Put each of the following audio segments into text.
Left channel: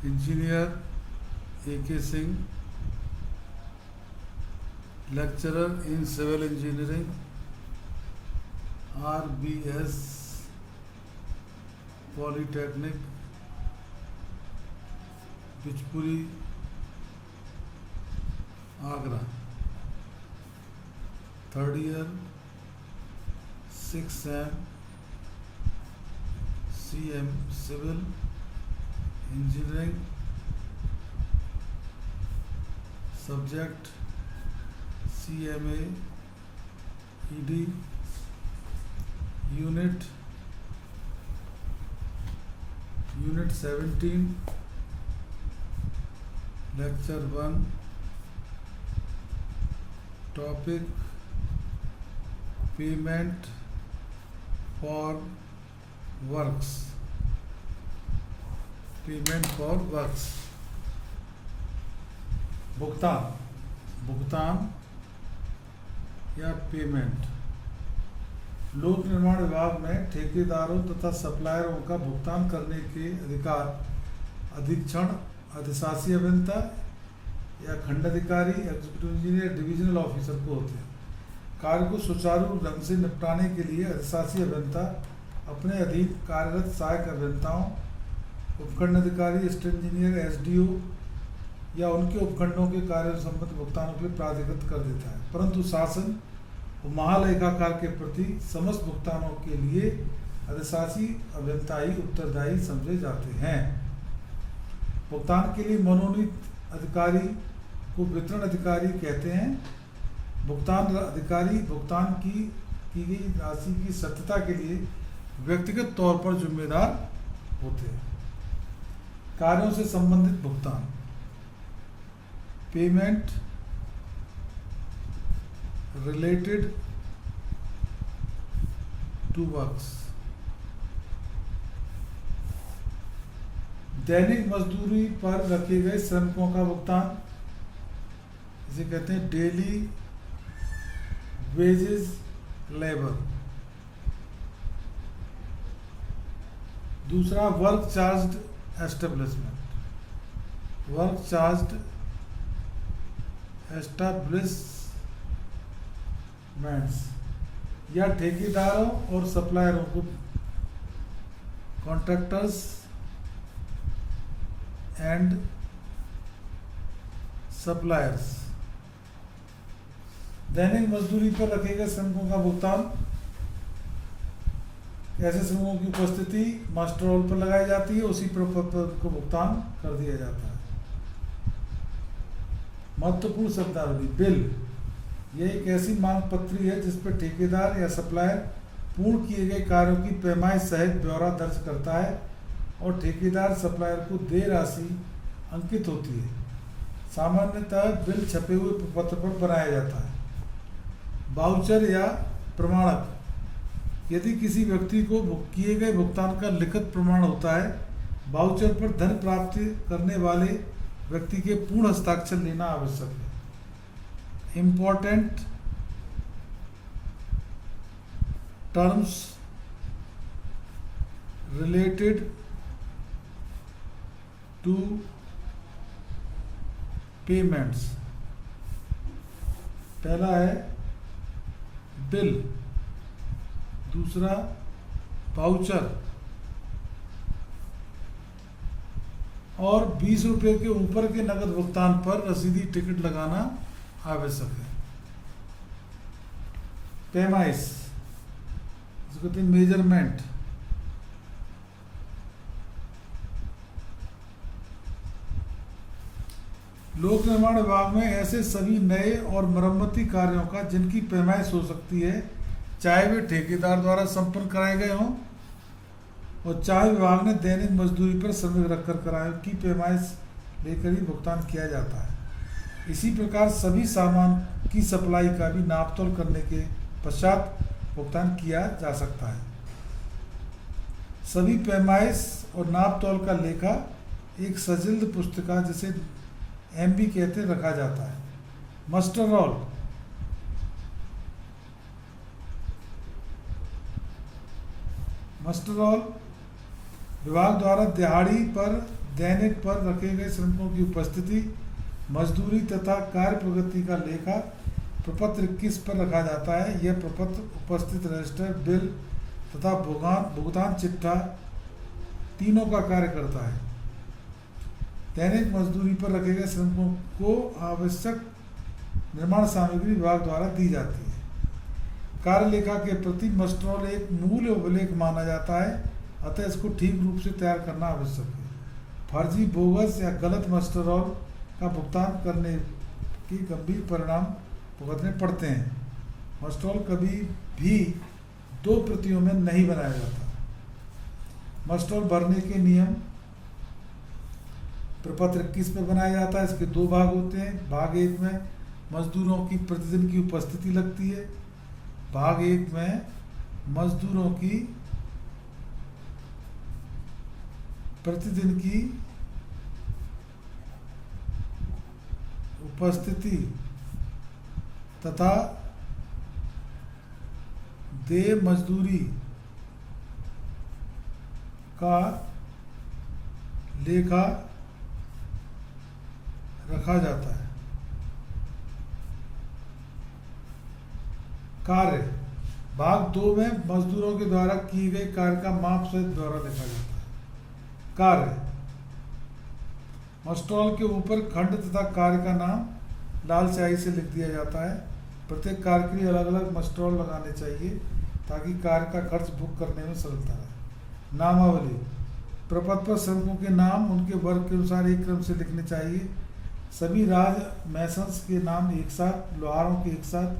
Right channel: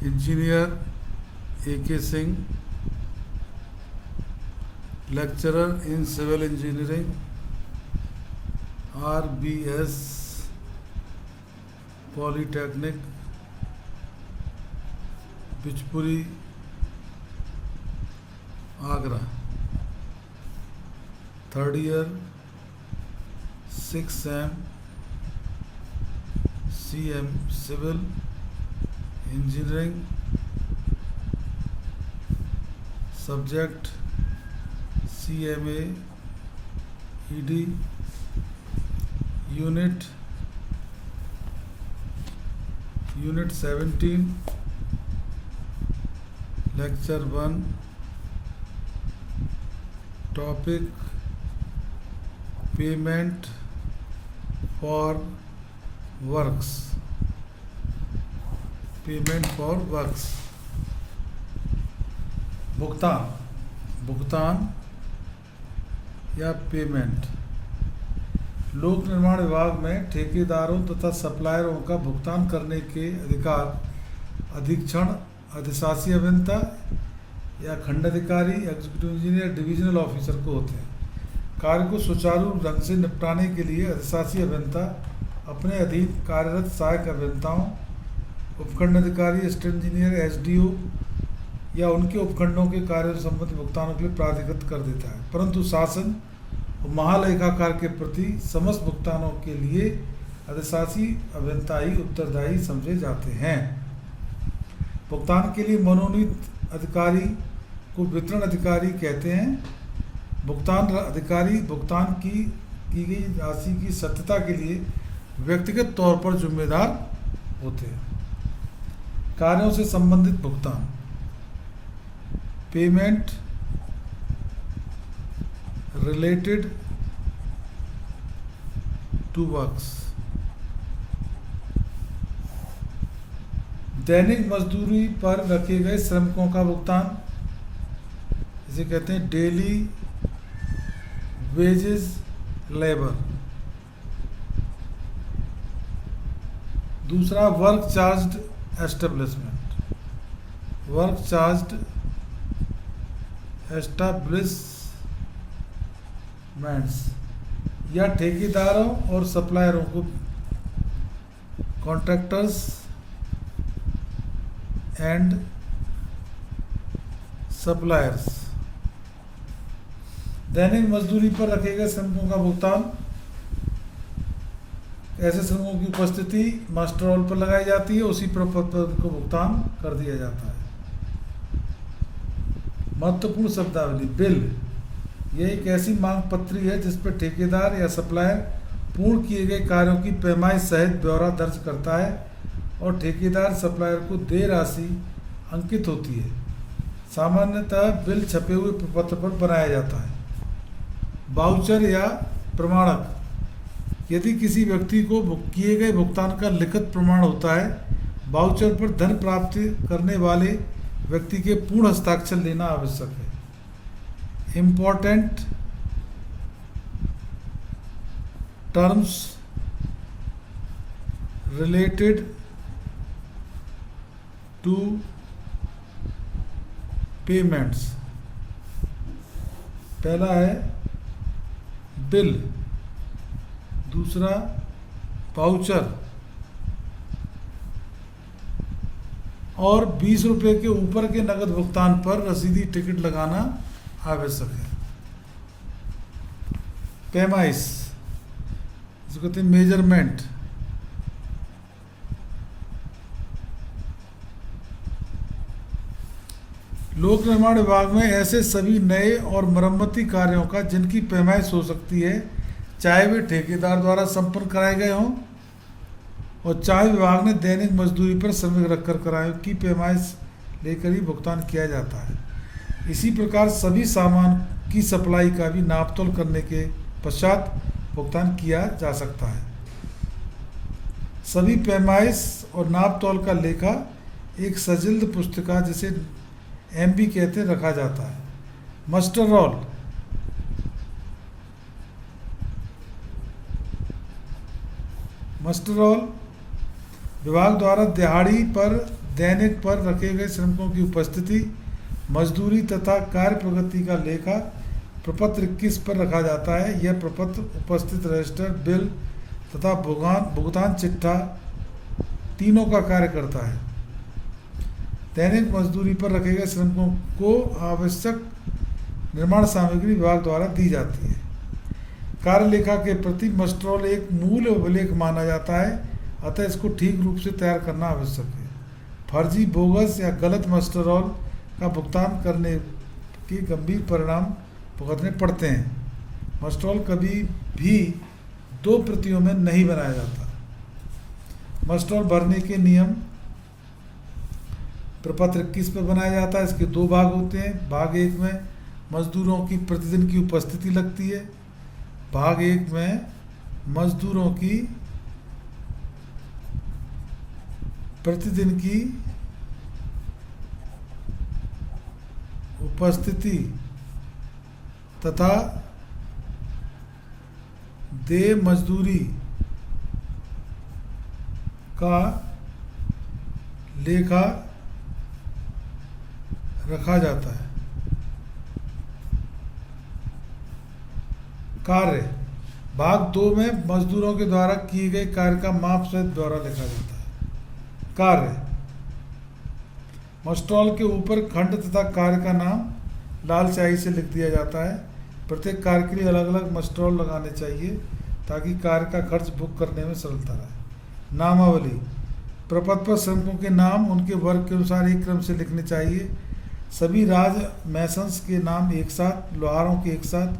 Engineer A.K. Singh, lecturer in civil engineering RBS polytechnic Bichpuri Agra, 3rd year 6 sem CM civil engineering, subject CMA ED, unit 17, lecture 1, topic payment for works. Payment for works भुगतान या payment. लोक निर्माण विभाग में ठेकेदारों तथा सप्लायरों का भुगतान करने के अधिकार अधीक्षण, अधिशासी अभियंता या खंडाधिकारी, एग्जीक्यूटिव इंजीनियर, डिविजनल ऑफिसर को होते हैं। कार्य को सुचारू ढंग से निपटाने के लिए अधिशासी अभियंता अपने अधीन कार्यरत सहायक अभियंताओं, उपखंड अधिकारी, असिस्टेंट इंजीनियर, SDO या उनके उपखंडों के कार्यों से संबंधित भुगतानों के लिए प्राधिकृत कर देता है, परंतु शासन और महालेखाकार के प्रति समस्त भुगतानों के लिए अधिशासी अभियंता ही उत्तरदायी समझे जाते हैं। भुगतान के लिए मनोनीत अधिकारी को वितरण अधिकारी कहते हैं। भुगतान अधिकारी भुगतान की गई राशि की सत्यता के लिए व्यक्तिगत तौर पर जिम्मेदार होते हैं। कार्यों से संबंधित भुगतान, पेमेंट रिलेटेड टू वर्क्स। दैनिक मजदूरी पर रखे गए श्रमिकों का भुगतान, इसे कहते हैं डेली वेजेस लेबर। दूसरा work charge establishment, work charge establishments या ठेकेदारों और सप्लायरों को, कॉन्ट्रैक्टर्स एंड सप्लायर्स। दैनिक मजदूरी पर रखे गए श्रमिकों का भुगतान, ऐसे श्रमिकों की उपस्थिति मास्टर रोल पर लगाई जाती है, उसी पर को भुगतान कर दिया जाता है। महत्वपूर्ण शब्दावली, बिल, यह एक ऐसी मांग पत्री है जिस पर ठेकेदार या सप्लायर पूर्ण किए गए कार्यों की पैमाइश सहित ब्यौरा दर्ज करता है और ठेकेदार सप्लायर को देय राशि अंकित होती है। सामान्यतः बिल छपे हुए प्रपत्र पर बनाया जाता है। वाउचर या प्रमाणक, यदि किसी व्यक्ति को किए गए भुगतान का लिखित प्रमाण होता है, वाउचर पर धन प्राप्ति करने वाले व्यक्ति के पूर्ण हस्ताक्षर लेना आवश्यक है। Important terms related to payments, पहला है बिल, दूसरा वाउचर और 20 रुपये के ऊपर के नकद भुगतान पर रसीदी टिकट लगाना आवश्यक है। पैमाइश, इसको कहते हैं मेजरमेंट। लोक निर्माण विभाग में ऐसे सभी नए और मरम्मती कार्यों का जिनकी पैमाइश हो सकती है, चाहे वे ठेकेदार द्वारा संपन्न कराए गए हों और चाहे विभाग ने दैनिक मजदूरी पर श्रमिक रखकर कराए, की पैमाइश लेकर ही भुगतान किया जाता है। इसी प्रकार सभी सामान की सप्लाई का भी नापतोल करने के पश्चात भुगतान किया जा सकता है। सभी पैमाइश और नापतोल का लेखा एक सजिल्द पुस्तिका, जिसे MB कहते रखा जाता है। मस्टर रोल, मस्टर रोल विभाग द्वारा दिहाड़ी पर दैनिक पर रखे गए श्रमिकों की उपस्थिति, मजदूरी तथा कार्य प्रगति का लेखा प्रपत्र 21 पर रखा जाता है। यह प्रपत्र उपस्थित रजिस्टर, बिल तथा भुगतान चिट्ठा तीनों का कार्य करता है। दैनिक मजदूरी पर रखे गए श्रमिकों को आवश्यक निर्माण सामग्री विभाग द्वारा दी जाती है। कार्य लेखा के प्रति मस्टरोल एक मूल अभिलेख माना जाता है, अतः इसको ठीक रूप से तैयार करना आवश्यक है। फर्जी, बोगस या गलत मस्टरोल का भुगतान करने के गंभीर परिणाम भुगतने पड़ते हैं। मस्टरोल कभी भी 2 प्रतियों में नहीं बनाया जाता। मस्टरोल भरने के नियम प्रपत्र 21 पर बनाया जाता है। इसके 2 भाग होते हैं। भाग 1 में मजदूरों की प्रतिदिन की उपस्थिति लगती है। भाग 1 में मजदूरों की प्रतिदिन की उपस्थिति तथा देय मजदूरी का लेखा रखा जाता है। कार्य भाग 2 में मजदूरों के द्वारा किए गए कार्य का माप सहित ब्यौरा लिखा जाता है। कार्य मस्टरोल के ऊपर खंड तथा कार्य का नाम लाल स्याही से लिख दिया जाता है। प्रत्येक कार्य के लिए अलग अलग मस्टरोल लगाने चाहिए ताकि कार्य का खर्च बुक करने में सरलता रहे। नामावली प्रपत्र पर श्रमिकों के नाम उनके वर्ग के अनुसार एक क्रम से लिखने चाहिए। सभी राज मैसन्स के नाम एक साथ, लोहारों के एक साथ,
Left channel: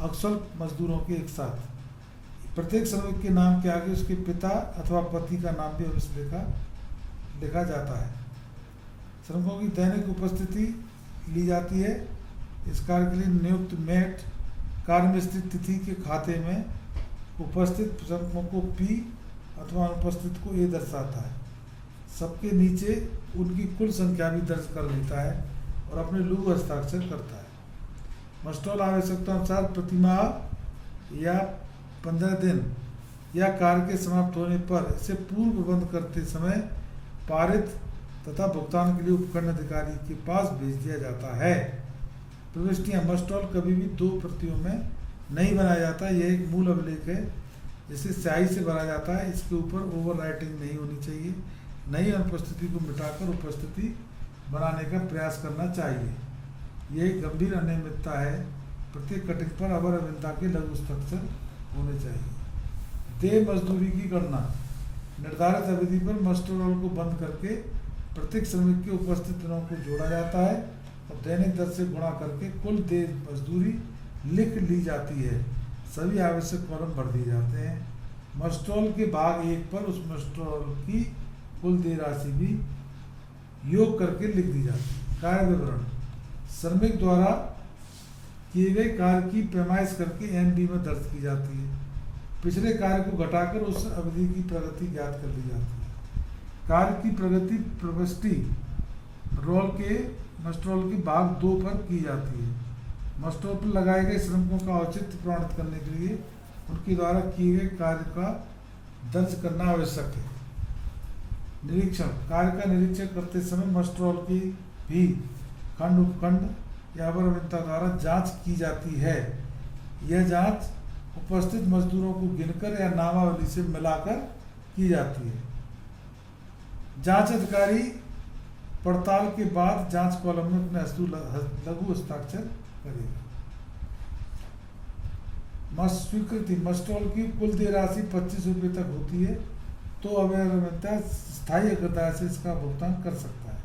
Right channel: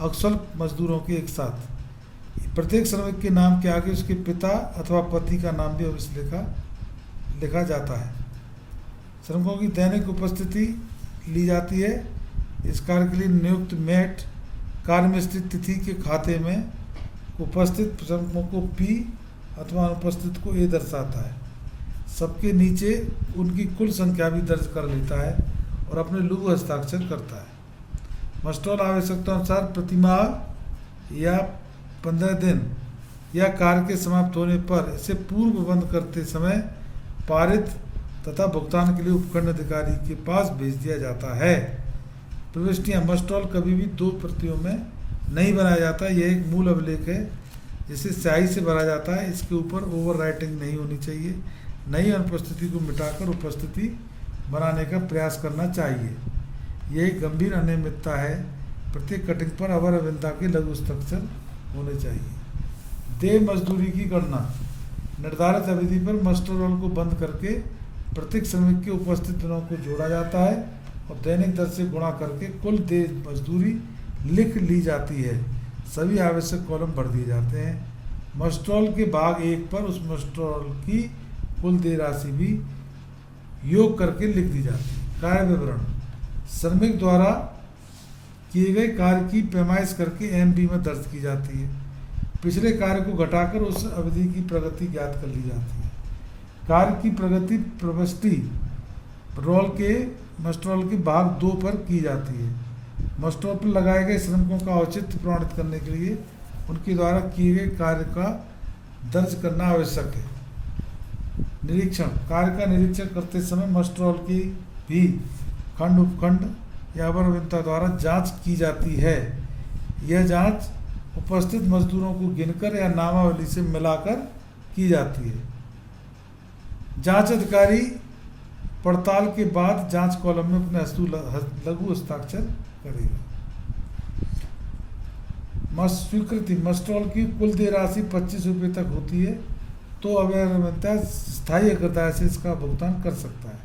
अकुशल मजदूरों के एक साथ। प्रत्येक श्रमिक के नाम के आगे उसके पिता अथवा पति का नाम भी अवश्य लिखा जाता है। श्रमिकों की दैनिक उपस्थिति ली जाती है। इस कार्य के लिए नियुक्त मेट कार्य में स्थित तिथि के खाते में उपस्थित श्रमिकों को पी अथवा अनुपस्थित को ए दर्शाता है। सबके नीचे उनकी कुल संख्या भी दर्ज कर लेता है और अपने लघु हस्ताक्षर करता है। मस्टरोल आवश्यकता अनुसार प्रतिमाह या 15 दिन या कार्य के समाप्त होने पर इसे पूर्व बंद करते समय पारित तथा भुगतान के लिए उपखंड अधिकारी के पास भेज दिया जाता है। प्रविष्टियाँ मस्टरोल कभी भी 2 प्रतियों में नहीं बनाया जाता। यह एक मूल अभिलेख है जिसे स्याही से भरा जाता है। इसके ऊपर ओवर राइटिंग नहीं होनी चाहिए। नई अनुपस्थिति को मिटाकर उपस्थिति बनाने का प्रयास करना चाहिए। यह एक गंभीर अनियमितता है। प्रत्येक कटिंग पर अवर अभियंता के लघु हस्ताक्षर होने चाहिए। देय मजदूरी की गणना निर्धारित अवधि पर मस्टरोल को बंद करके प्रत्येक श्रमिक के उपस्थित दिनों को जोड़ा जाता है और दैनिक दर से गुणा करके कुल देय मजदूरी लिख ली जाती है। सभी आवश्यक कॉलम भर दिए जाते हैं। मस्टरोल के भाग 1 पर उस मस्टरोल की कुल देय राशि भी योग करके लिख दी जाती है। कार्य विवरण श्रमिक द्वारा किए गए कार्य की पैमाइश करके एमबी में दर्ज की जाती है। पिछले कार्य को घटाकर उस अवधि की प्रगति ज्ञात कर ली जाती है। कार्य की प्रगति प्रविष्टि मस्टरोल के भाग 2 पर की जाती है। मस्टरोल पर लगाए गए श्रमिकों का औचित्य प्रमाणित करने के लिए उनके द्वारा किए गए कार्य का दर्ज करना आवश्यक है। निरीक्षण कार्य का निरीक्षण करते समय मस्टरोल की भी खंड उपखंड या अवर अभियंता द्वारा जांच की जाती है। यह जांच उपस्थित मजदूरों को गिनकर या नामावली से मिलाकर की जाती है। जांच अधिकारी पड़ताल के बाद जांच कॉलम में अपने लघु हस्ताक्षर करेगा। स्वीकृति मस्टरोल की कुल देय राशि 25 रुपये तक होती है तो अवर अभियंता स्थायी अग्रदाय से इसका भुगतान कर सकता है।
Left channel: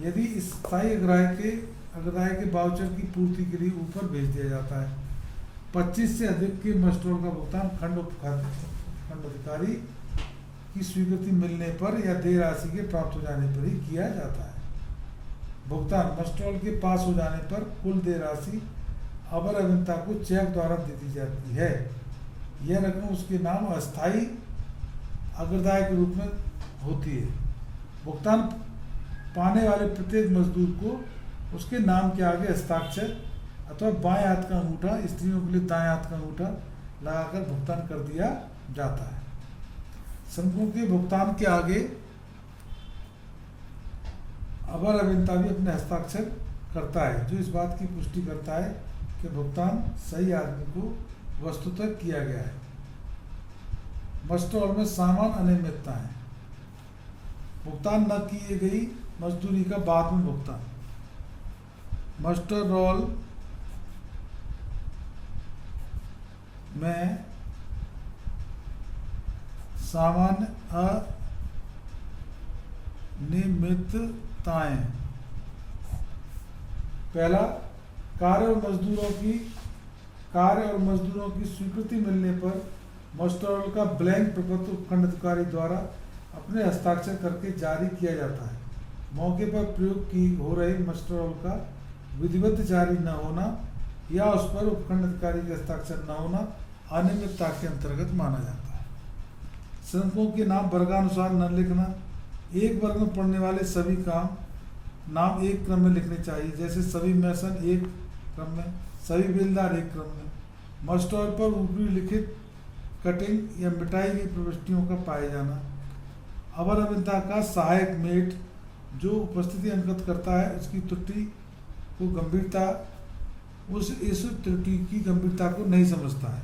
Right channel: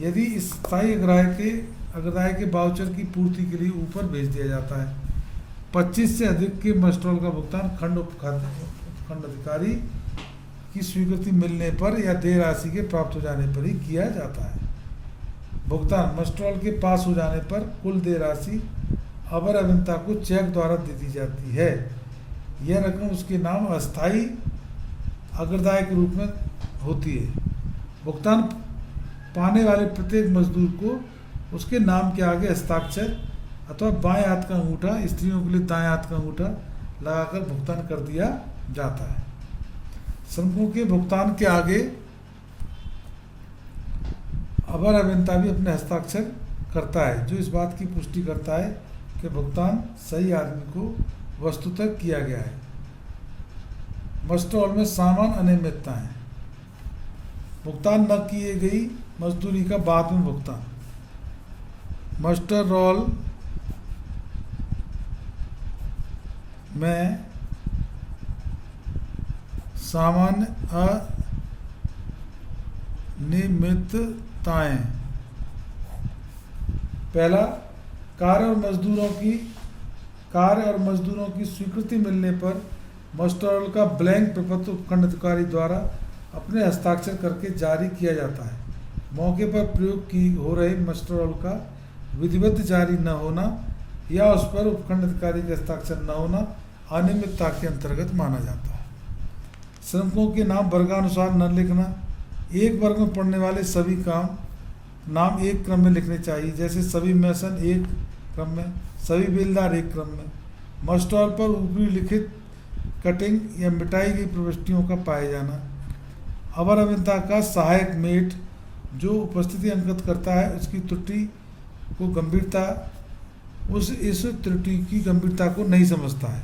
यदि इस स्थायी अग्रदाय के वाउचर की पूर्ति के लिए ऊपर भेज दिया जाता है। 25 से अधिक के मस्टरोल का भुगतान खंड उपखंड अधिकारी की स्वीकृति मिलने पर या देय राशि के प्राप्त हो जाने पर ही किया जाता है। भुगतान मस्टरोल के पास हो जाने पर कुल देय राशि अवर अभियंता को चेक द्वारा दे दी जाती है। यह रकम उसके नाम अस्थायी अग्रदाय के रूप में होती है। भुगतान पाने वाले प्रत्येक मजदूर को उसके नाम के आगे हस्ताक्षर अथवा बाएं हाथ का अंगूठा, स्त्रियों के लिए दाएं हाथ का अंगूठा लगाकर भुगतान कर दिया जाता है। श्रमिकों के भुगतान के आगे अवर अभियंता भी अपने हस्ताक्षर करता है, जो इस बात की पुष्टि करता है कि भुगतान सही आदमी को वस्तुतः किया गया है। मस्टर रोल में सामान्य अनियमितताएं, भुगतान न किए गई मजदूरी का बाद में भुगतान। मस्टर रोल में सामान्य अनियमितताएं, पहला, कार्य और मजदूरों की स्वीकृति मिलने पर मस्टर रोल का ब्लैंक प्रपत्र उपखंड अधिकारी द्वारा अपने हस्ताक्षर करके जारी किया जाता है। मौके पर प्रयोग की हो रही मस्टर रोल का विधिवत जारी न होना या उस पर उपखंड अधिकारी के हस्ताक्षर न होना अनियमितता के अंतर्गत माना जाता है। श्रमिकों के नाम वर्गानुसार न लिखना, एक वर्ग में पड़ने वाले सभी काम नाम एक क्रम में लिखने चाहिए, जैसे सभी मैसन एक क्रम में, सभी बेलदार एक क्रम में। मस्टर रोल पर ऊपरी लिखित कटिंग या मिटाई गई प्रविष्टियों का पाए जाना। अवर अभियंता का सहायक मेट जो उपस्थिति अंकित करता है उसकी त्रुटि को गंभीरता इस त्रुटि की गंभीरता को नहीं समझता है।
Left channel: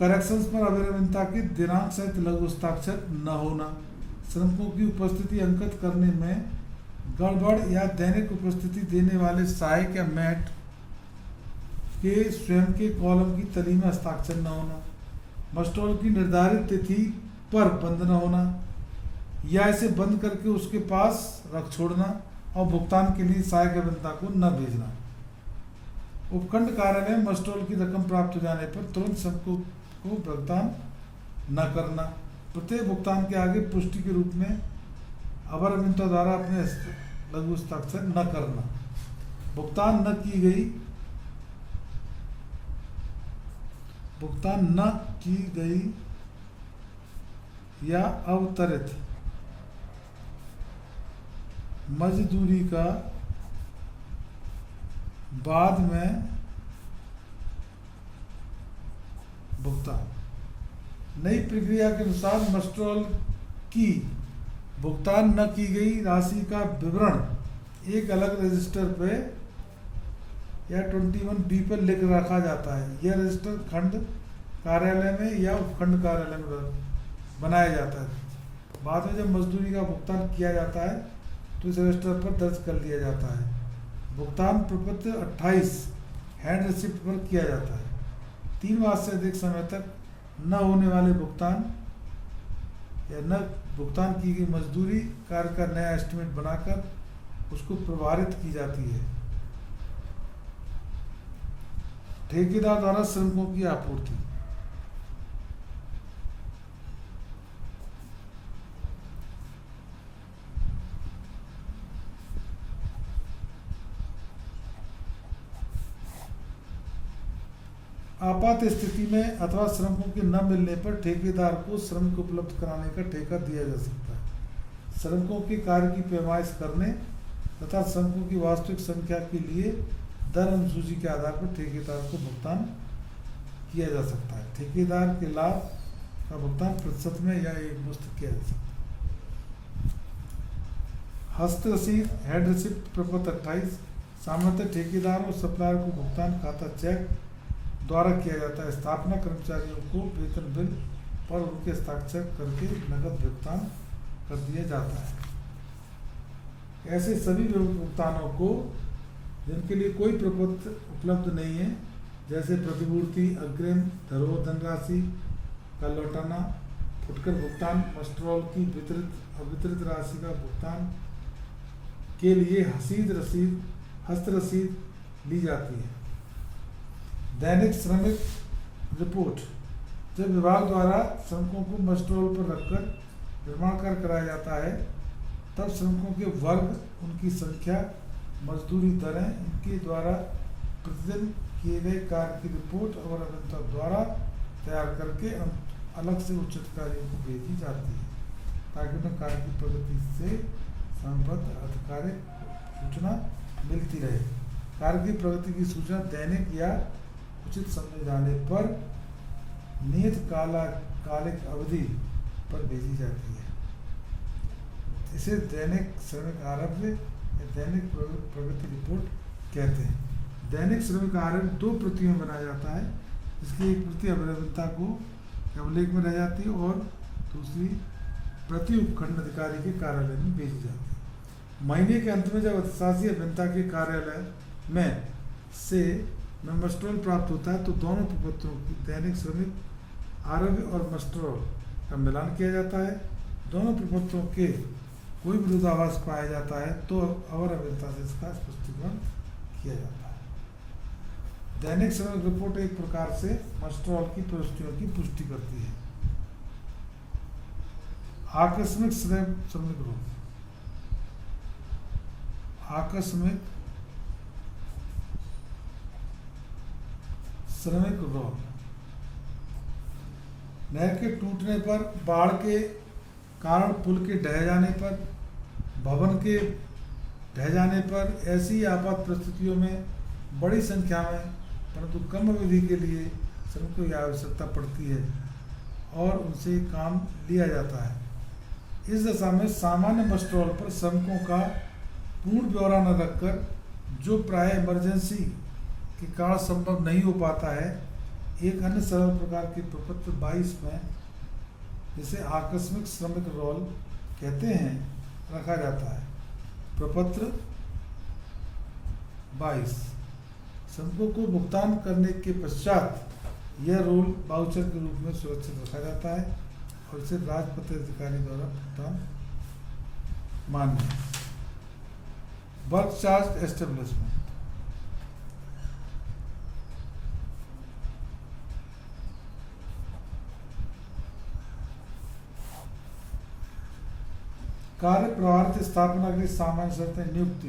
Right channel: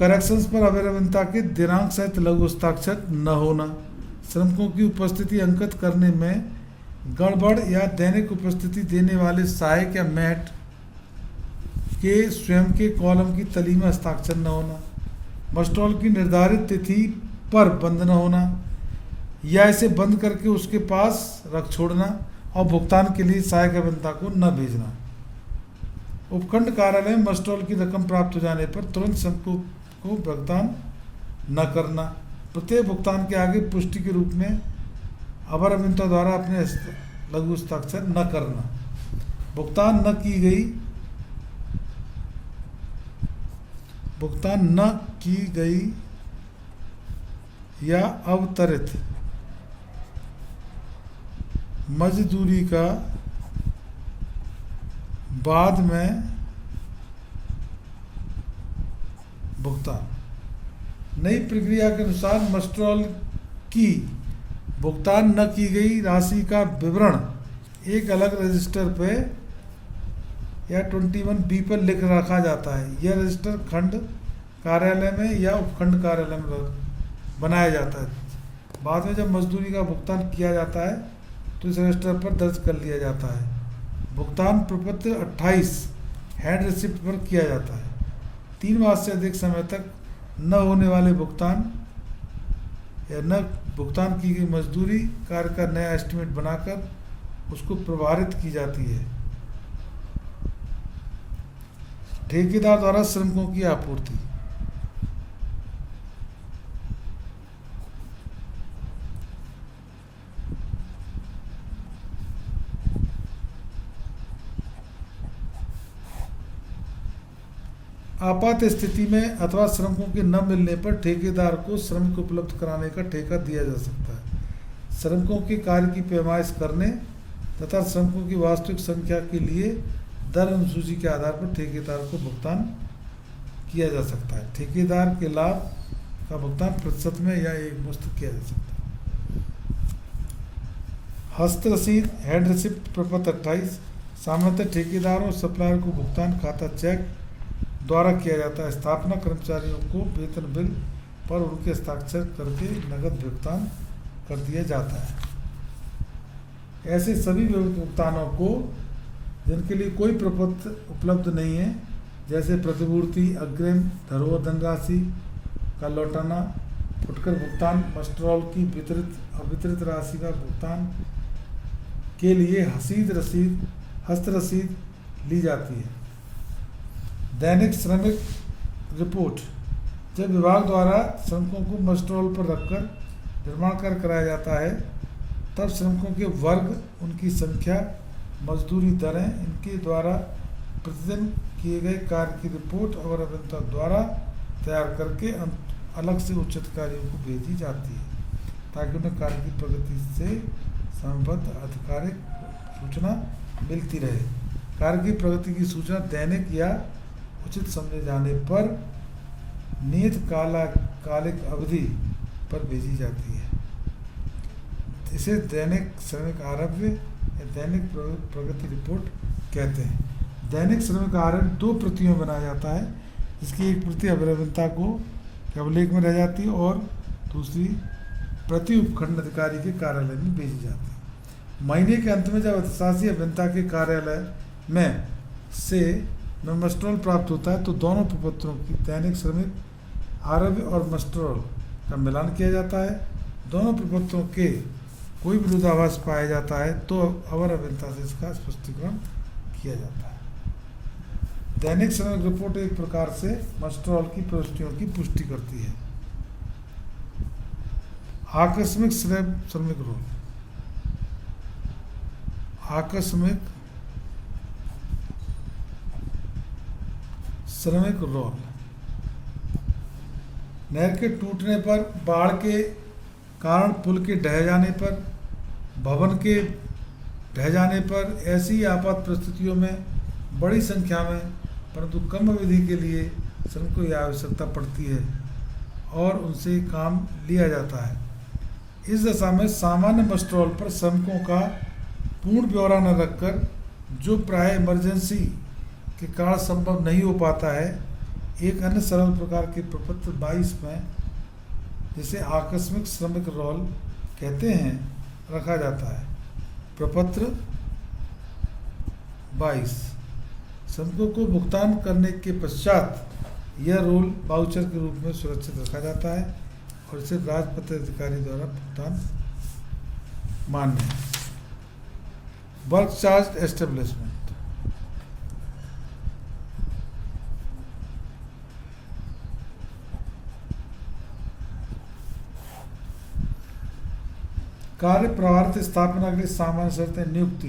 करेक्शंस पर अवर अभियंता के दिनांक सहित लघु हस्ताक्षर न होना, श्रमिकों की उपस्थिति अंकित करने में गड़बड़ या दैनिक उपस्थिति देने वाले सहायक या मेट के स्वयं के कॉलम की तली में हस्ताक्षर न होना, मस्टर रोल की निर्धारित तिथि पर बंद न होना या इसे बंद करके उसके पास रख छोड़ना और भुगतान के लिए सहायक अभियंता को न भेजना। उपखंड कार्यालय में मस्टर रोल की रकम प्राप्त हो जाने पर तुरंत श्रमिकों को भुगतान न करना। प्रत्येक भुगतान के आगे पुष्टि के रूप में अवर अभियंता द्वारा अपने लघु हस्ताक्षर न करना। भुगतान न की गई या अवतरित मजदूरी का बाद में भुगतान। नई प्रक्रिया के अनुसार मस्टर रोल की भुगतान न की गई राशि का विवरण एक अलग रजिस्टर पे या 21B पर लिख रखा जाता है। यह रजिस्टर खंड कार्यालय में या उपखंड कार्यालय में बनाया जाता है। बाद में जब मजदूरी का भुगतान किया जाता है तो इस रजिस्टर पर दर्ज कर लिया जाता है। भुगतान प्रपत्र 28 हैंड रिसिप्ट पर किया जाता है। 3 माह से अधिक समय तक न होने वाले भुगतान या न भुगतान की गई मजदूरी कार्य का नया एस्टिमेट बनाकर उसको प्रभावित की जाती है। ठेकेदार द्वारा श्रमिकों की आपूर्ति। आपात स्थिति में अथवा श्रमिकों के न मिलने पर ठेकेदार को श्रमिक उपलब्ध कराने का ठेका दिया जा सकता है। श्रमिकों के कार्य की पैमाइश करने तथा श्रमिकों की वास्तविक संख्या के लिए दर अनुसूची के आधार पर ठेकेदार को भुगतान किया जा सकता है। ठेकेदार के लाभ का भुगतान प्रतिशत में या एक मुश्त किया जा सकता है। हस्त रसीद हैंड रिसिप्ट प्रपत्र 28 सामान्यतः ठेकेदार और सप्लायर को भुगतान खाता चेक द्वारा किया जाता है। स्थापना कर्मचारियों को वेतन बिल पर उनके हस्ताक्षर करके नकद भुगतान कर दिया जाता है। ऐसे सभी भुगतानों को जिनके लिए कोई प्रपत्र उपलब्ध नहीं है, जैसे प्रतिपूर्ति, अग्रिम, धरोहर धनराशि का लौटाना, फुटकर भुगतान, मस्टर रोल की अवितरित राशि का भुगतान के लिए हस्त रसीद ली जाती है। दैनिक श्रमिक रिपोर्ट। जब विभाग द्वारा श्रमिकों को मस्टर रोल पर रखकर निर्माण कार्य कराया जाता है तब श्रमिकों के वर्ग, उनकी संख्या, मजदूरी दरें, इनके द्वारा प्रतिदिन किए गए कार्य की रिपोर्ट अवर अभियंता द्वारा तैयार करके अलग से उच्च अधिकारियों को भेजी जाती है ताकि उन्हें कार्य की प्रगति से संबद्ध आधिकारिक सूचना मिलती रहे। कार्य की प्रगति की सूचना दैनिक या उचित समझे जाने पर नियत कालिक अवधि पर भेजी जाती है। इसे दैनिक श्रमिक आरव्य या दैनिक प्रगति रिपोर्ट कहते हैं। दैनिक श्रमिक आरव्य 2 प्रतियों में बनाया जाता है, जिसकी एक प्रति अभियंता को अभिलेख में रह जाती है और दूसरी प्रति उपखंड अधिकारी के कार्यालय में भेजी जाती है। महीने के अंत में जब अर्थशास्त्री अभियंता के कार्यालय में से मस्ट्रोल प्राप्त होता है तो दोनों प्रपत्रों की दैनिक श्रमिक आरव्य और मस्ट्रोल का मिलान किया जाता है। दोनों प्रपत्रों के कोई विरोधाभास पाया जाता है तो अवर अभियंता से इसका स्पष्टीकरण किया जाता है। दैनिक श्रमिक रिपोर्ट एक प्रकार से मस्ट्रोल की प्रविष्टियों की पुष्टि करती है। आकस्मिक श्रमिक रोल। आकस्मिक श्रमिक रोल नहर के टूटने पर, बाढ़ के कारण पुल के ढह जाने पर, भवन के ढह जाने पर, ऐसी आपात परिस्थितियों में बड़ी संख्या में परंतु कम अवधि के लिए श्रमिकों की आवश्यकता पड़ती है और उनसे काम लिया जाता है। इस दशा में सामान्य मस्ट्रोल पर श्रमिकों का पूर्ण ब्यौरा न रखकर, जो प्राय इमरजेंसी के कारण संभव नहीं हो पाता है, एक अन्य सरल प्रकार के प्रपत्र 22 में, जिसे आकस्मिक श्रमिक रोल कहते हैं, रखा जाता है। प्रपत्र 22 श्रमिकों को भुगतान करने के पश्चात यह रोल वाउचर के रूप में सुरक्षित रखा जाता है और इसे राजपत्र अधिकारी द्वारा भुगतान मान्य है। Work charge establishment. कार्य प्रभारित स्थापना के सामान्य शर्तें। नियुक्ति।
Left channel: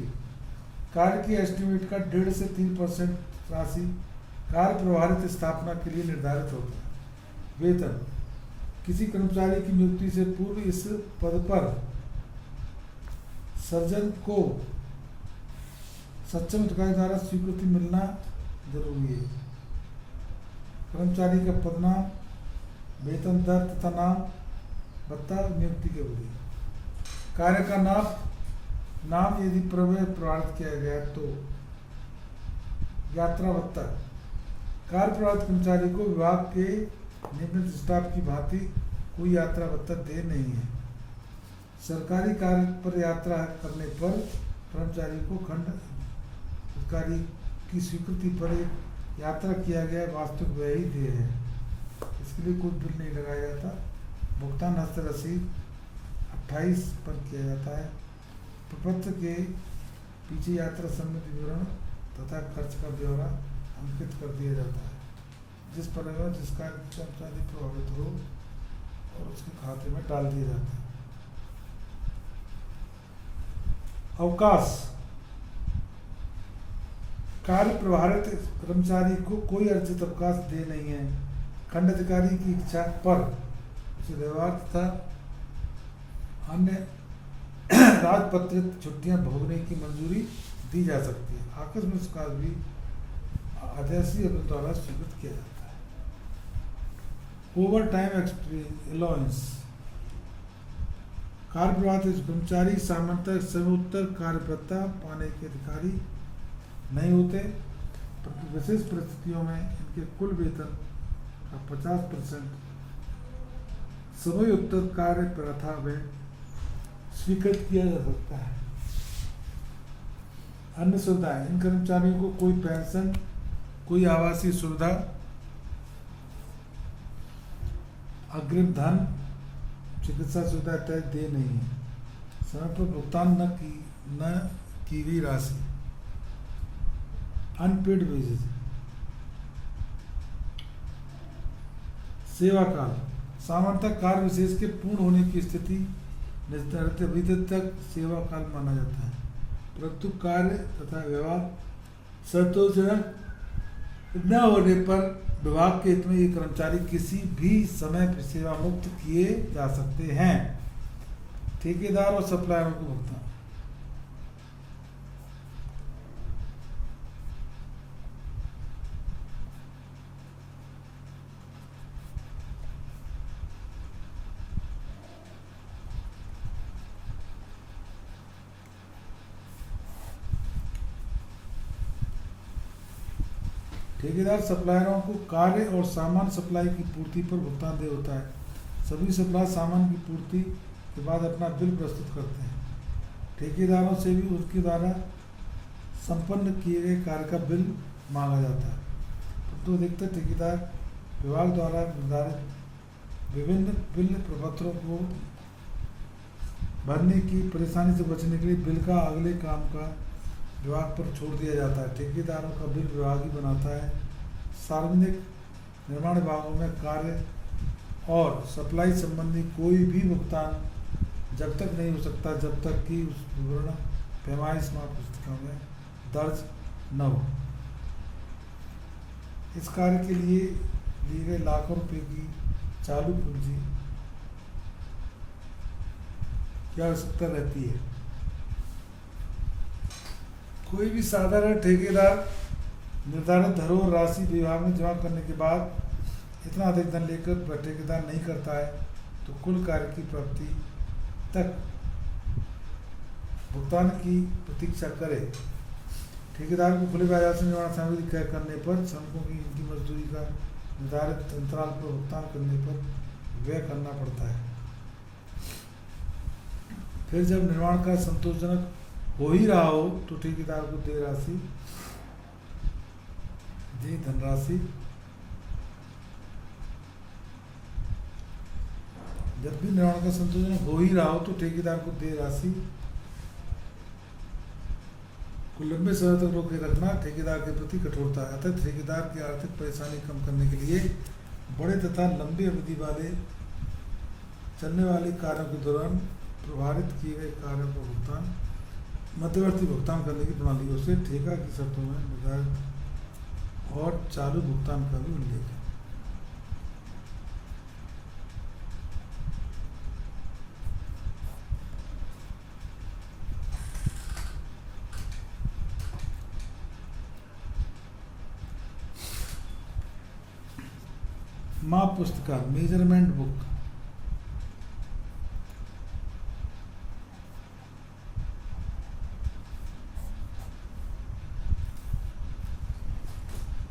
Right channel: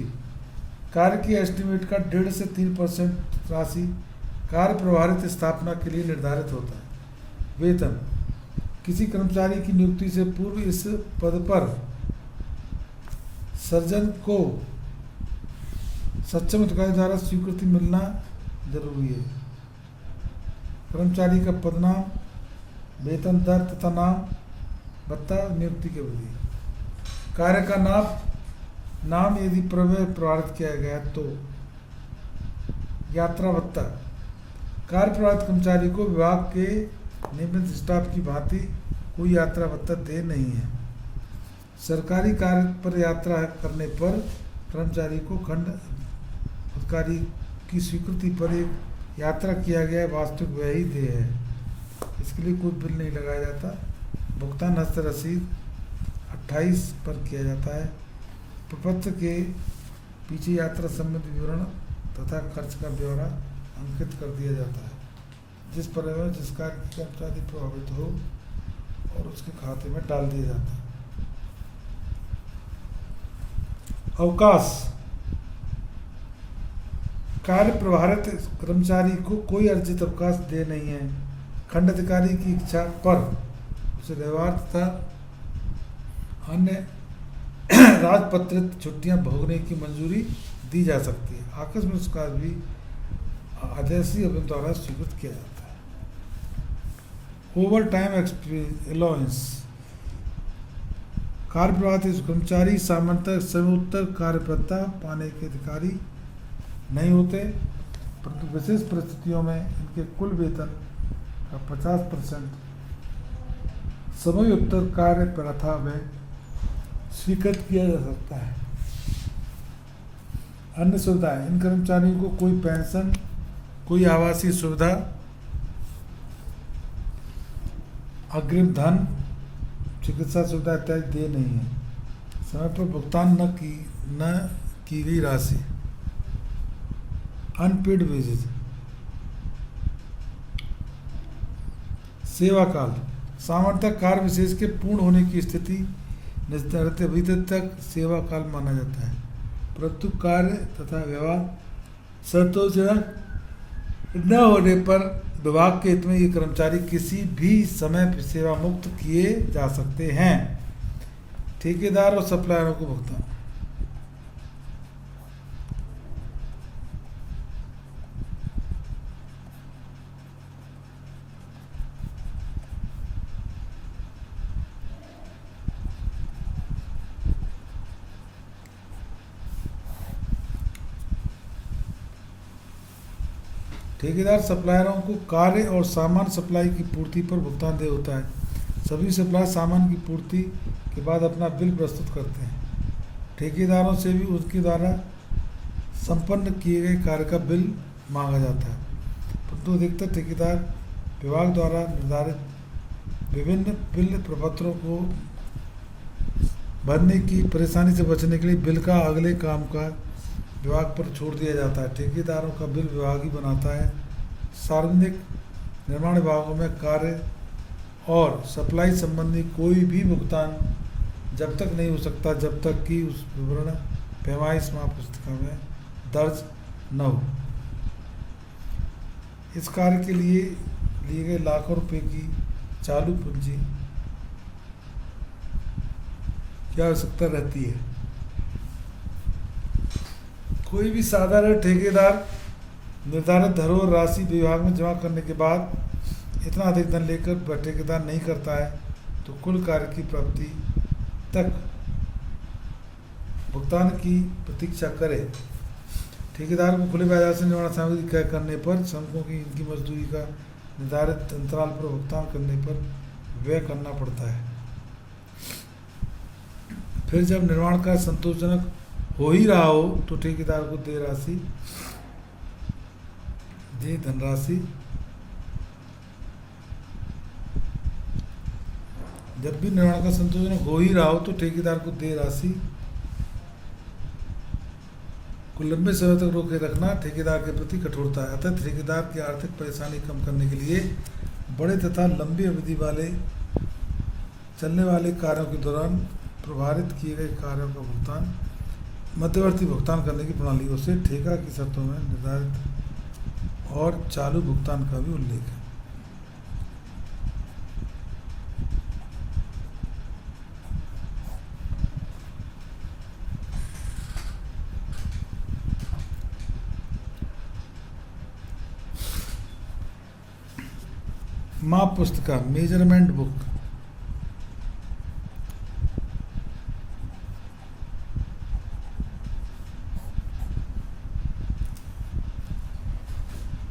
कार्य की एस्टिमेट का 1.5 से 3% राशि कार्य प्रभारित स्थापना के लिए निर्धारित होता है। वेतन। किसी कर्मचारी की नियुक्ति से पूर्व इस पद पर सर्जन को सक्षम अधिकारी द्वारा स्वीकृति मिलना जरूरी है। कर्मचारी का पदनाम, वेतन दर तथा नाम, भत्ता, नियुक्ति की अवधि। कार्य का नाम यदि प्रभावित किया गया तो यात्रा भत्ता। कार्य प्रभावित कर्मचारी को विभाग के नियमित स्टाफ की भांति कोई यात्रा भत्ता दे नहीं है। सरकारी कार्य पर यात्रा करने पर कर्मचारी को खंड अधिकारी की स्वीकृति पर एक यात्रा किया गया वास्तविक व्यय ही देय है। इसके लिए कोई बिल नहीं लगाया जाता। भुगतान हस्त रसीद 28 पर किया जाता है। प्रपत्र के पीछे यात्रा संबंधी विवरण तथा खर्च का ब्यौरा अंकित कर दिया जाता है। जिस परिवहन जिस कार्य की कर्मचारी प्रभावित हो और उसके खाते में डाल दिया जाता है। अवकाश। कार्य प्रभारित कर्मचारी को कोई अर्जित अवकाश दे नहीं है। खंड अधिकारी की इच्छा पर उसे व्यवहार तथा अन्य राजपत्रित छुट्टियां भोगने की मंजूरी दी जा सकती है। आकस्मिक उसका भी आदेशी अभियंता द्वारा स्वीकृत किया जाता है। Over time allowance. कार्य प्रभारित कर्मचारी सामान्यतः सर्वोत्तर कार्य भत्ता पाने के अधिकारी नहीं होते, परंतु विशेष परिस्थितियों में इनके कुल वेतन का 50% समय उत्तर कार्य प्रथा में स्वीकृत किया जा सकता है। अन्य सुविधाएं। इन कर्मचारियों को कोई पेंशन, कोई आवासीय सुविधा, अग्रिम धन, चिकित्सा सुविधा इत्यादि दे नहीं है। समय पर भुगतान न की गई राशि। Unpaid wages. सेवा काल। सामान्यतः कार्य विशेष के पूर्ण होने की स्थिति निर्धारित अवधि तक सेवा काल माना जाता है, परंतु कार्य तथा व्यवहार संतोषजनक न होने पर विभाग के हित में ये कर्मचारी किसी भी समय सेवा मुक्त किए जा सकते हैं। ठेकेदार और सप्लायरों को भुगतान। ठेकेदार सप्लायरों को कार्य और सामान सप्लाई की पूर्ति पर भुगतान देय होता है। सभी सप्लायर सामान की पूर्ति के बाद अपना बिल प्रस्तुत करते हैं। ठेकेदारों से भी उनके द्वारा संपन्न किए गए कार्य का बिल मांगा जाता है, परंतु अधिकतर ठेकेदार विभाग द्वारा निर्धारित विभिन्न बिल प्रपत्रों को भरने की परेशानी से बचने के लिए बिल का अगले काम का विभाग पर छोड़ दिया जाता है। ठेकेदारों का बिल विभाग ही बनाता है। सार्वजनिक निर्माण विभागों में कार्य और सप्लाई संबंधी कोई भी भुगतान जब तक नहीं हो सकता जब तक कि उस विवरण पैमाइश महापुस्तिका में दर्ज न हो। इस कार्य के लिए लिए गए लाखों रुपए की चालू पूंजी की आवश्यकता रहती है। कोई भी साधारण ठेकेदार निर्धारित धरोहर राशि विभाग में जमा करने के बाद इतना अधिक धन लेकर ठेकेदार नहीं करता है तो कुल कार्य की प्राप्ति तक भुगतान की प्रतीक्षा करे। ठेकेदार को खुले बाजार से निर्माण सामग्री क्रय करने पर श्रमिकों की इनकी मजदूरी का निर्धारित अंतराल पर भुगतान करने पर व्यय करना पड़ता है। फिर जब निर्माण कार्य संतोषजनक हो ही रहा हो तो ठेकेदार को देय धनराशि जब भी निर्माण का संतोषजनक हो ही रहा हो तो ठेकेदार को देय राशि को लंबे समय तक रोके रखना ठेकेदार के प्रति कठोरता है। अतः ठेकेदार की आर्थिक परेशानी कम करने के लिए बड़े तथा लंबी अवधि वाले चलने वाले कार्यों के दौरान प्रभावित किए गए कार्यों का भुगतान मध्यवर्ती भुगतान करने की प्रणालियों से ठेका की शर्तों में निर्धारित और चालू भुगतान का भी उल्लेख है। माप पुस्तिका मेजरमेंट बुक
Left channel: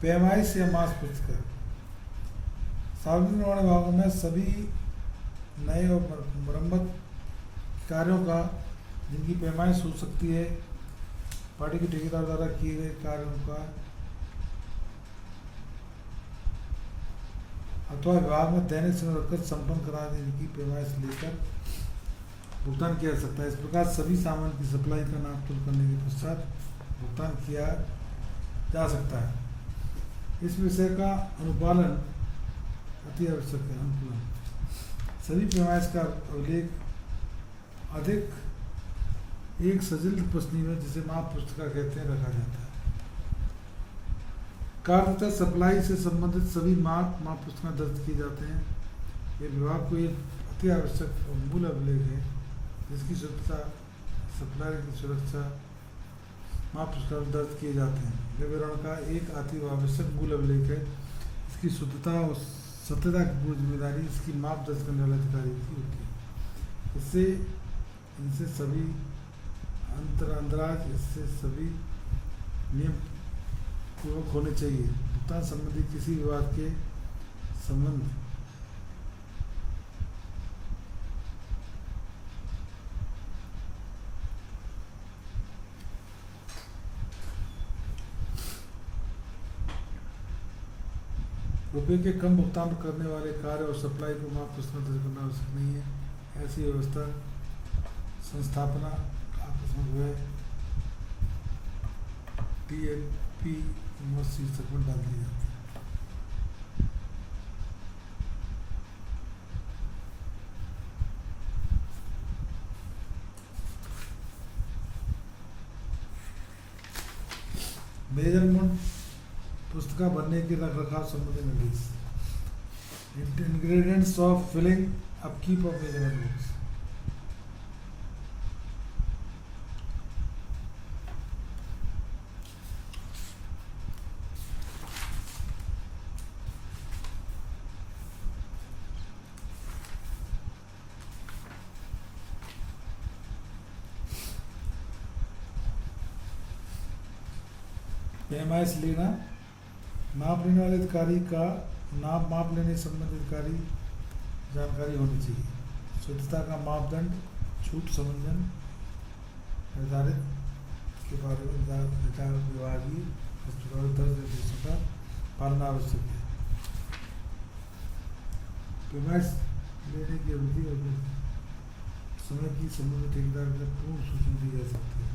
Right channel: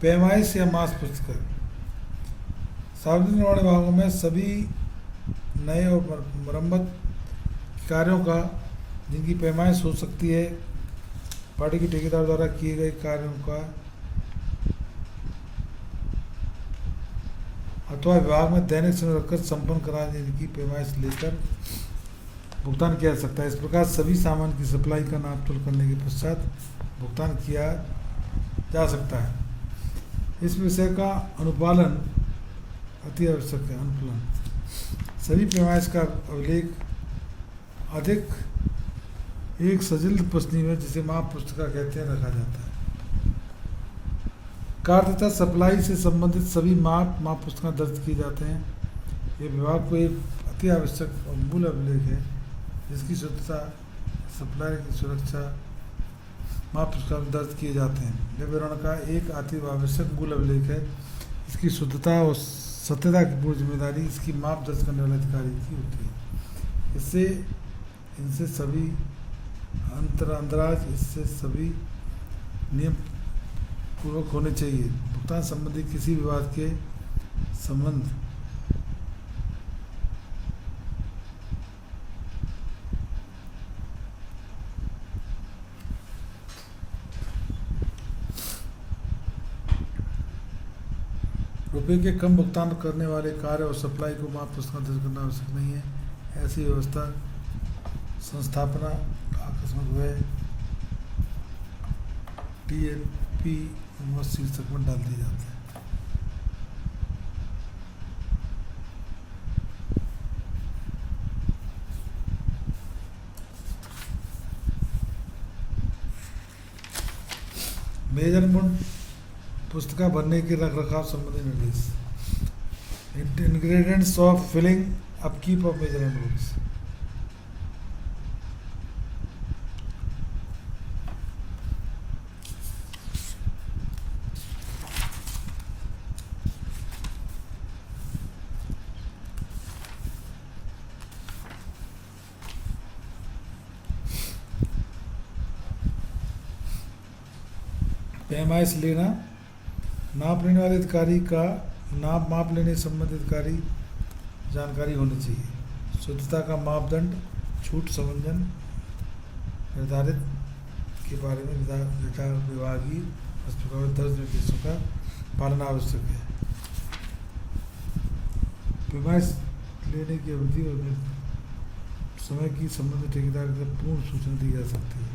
पैमाइश या मास पुस्तिका सार्वजनिक निर्माण विभागों में सभी नए और मरम्मत कार्यों का जिनकी पैमाइश हो सकती है पार्टी के ठेकेदार द्वारा किए गए कार्यों का अथवा विभाग में दैनिक समय रखकर संपन्न करा देने की पैमाइश लेकर भुगतान किया जा सकता है। इस प्रकार सभी सामान की सप्लाई का नाप तोल करने के पश्चात भुगतान किया जा सकता है। इस विषय का अनुपालन अति आवश्यक है। अनुपालन सभी पैमाइश का अभिलेख अधिक एक सजील प्रश्नी में जिसे माप पुस्तिका कहते हैं रखा जाता है। कार्य तथा सप्लाई से संबंधित सभी माप पुस्तिका दर्ज किए जाते हैं। ये विभाग को एक अति आवश्यक और मूल अभिलेख है जिसकी शुद्धता सप्लायर की सुरक्षा माप पुस्तिका में दर्ज किए जाते हैं। यह विवरण का एक अति आवश्यक मूल अभिलेख है। इसकी शुद्धता और सत्यता की पूर्ण जिम्मेदारी इसकी माप दर्ज करने वाले अधिकारी की होती है। इनसे सभी अंतराज इससे सभी नियम पूर्वक होने चाहिए। भुगतान संबंधी किसी विवाद के संबंध रुपये के कम भुगतान करने वाले कार्य और सप्लाई को माप पुस्तिका दर्ज करना आवश्यक नहीं है। ऐसी व्यवस्था संस्थापना आकस्मिक व्यय TLP शीर्षक में डाल दी जाती है। मेजरमेंट पुस्तिका भरने के रख रखाव संबंधी निर्देश ingredients of filling upkeep of measurement books पैमाइश लेना नाप लेने वाले अधिकारी का नाप माप लेने संबंधित अधिकारी जानकारी होनी चाहिए। शुद्धता का मापदंड छूट समंजन निर्धारित के बारे में विभागीय अस्पताल दर्ज निर्देशों का पालन आवश्यक है। पैमाइश लेने की अवधि और समय की संबंधित ठेकेदार के लिए पूर्ण सूचना दी जा सकती है।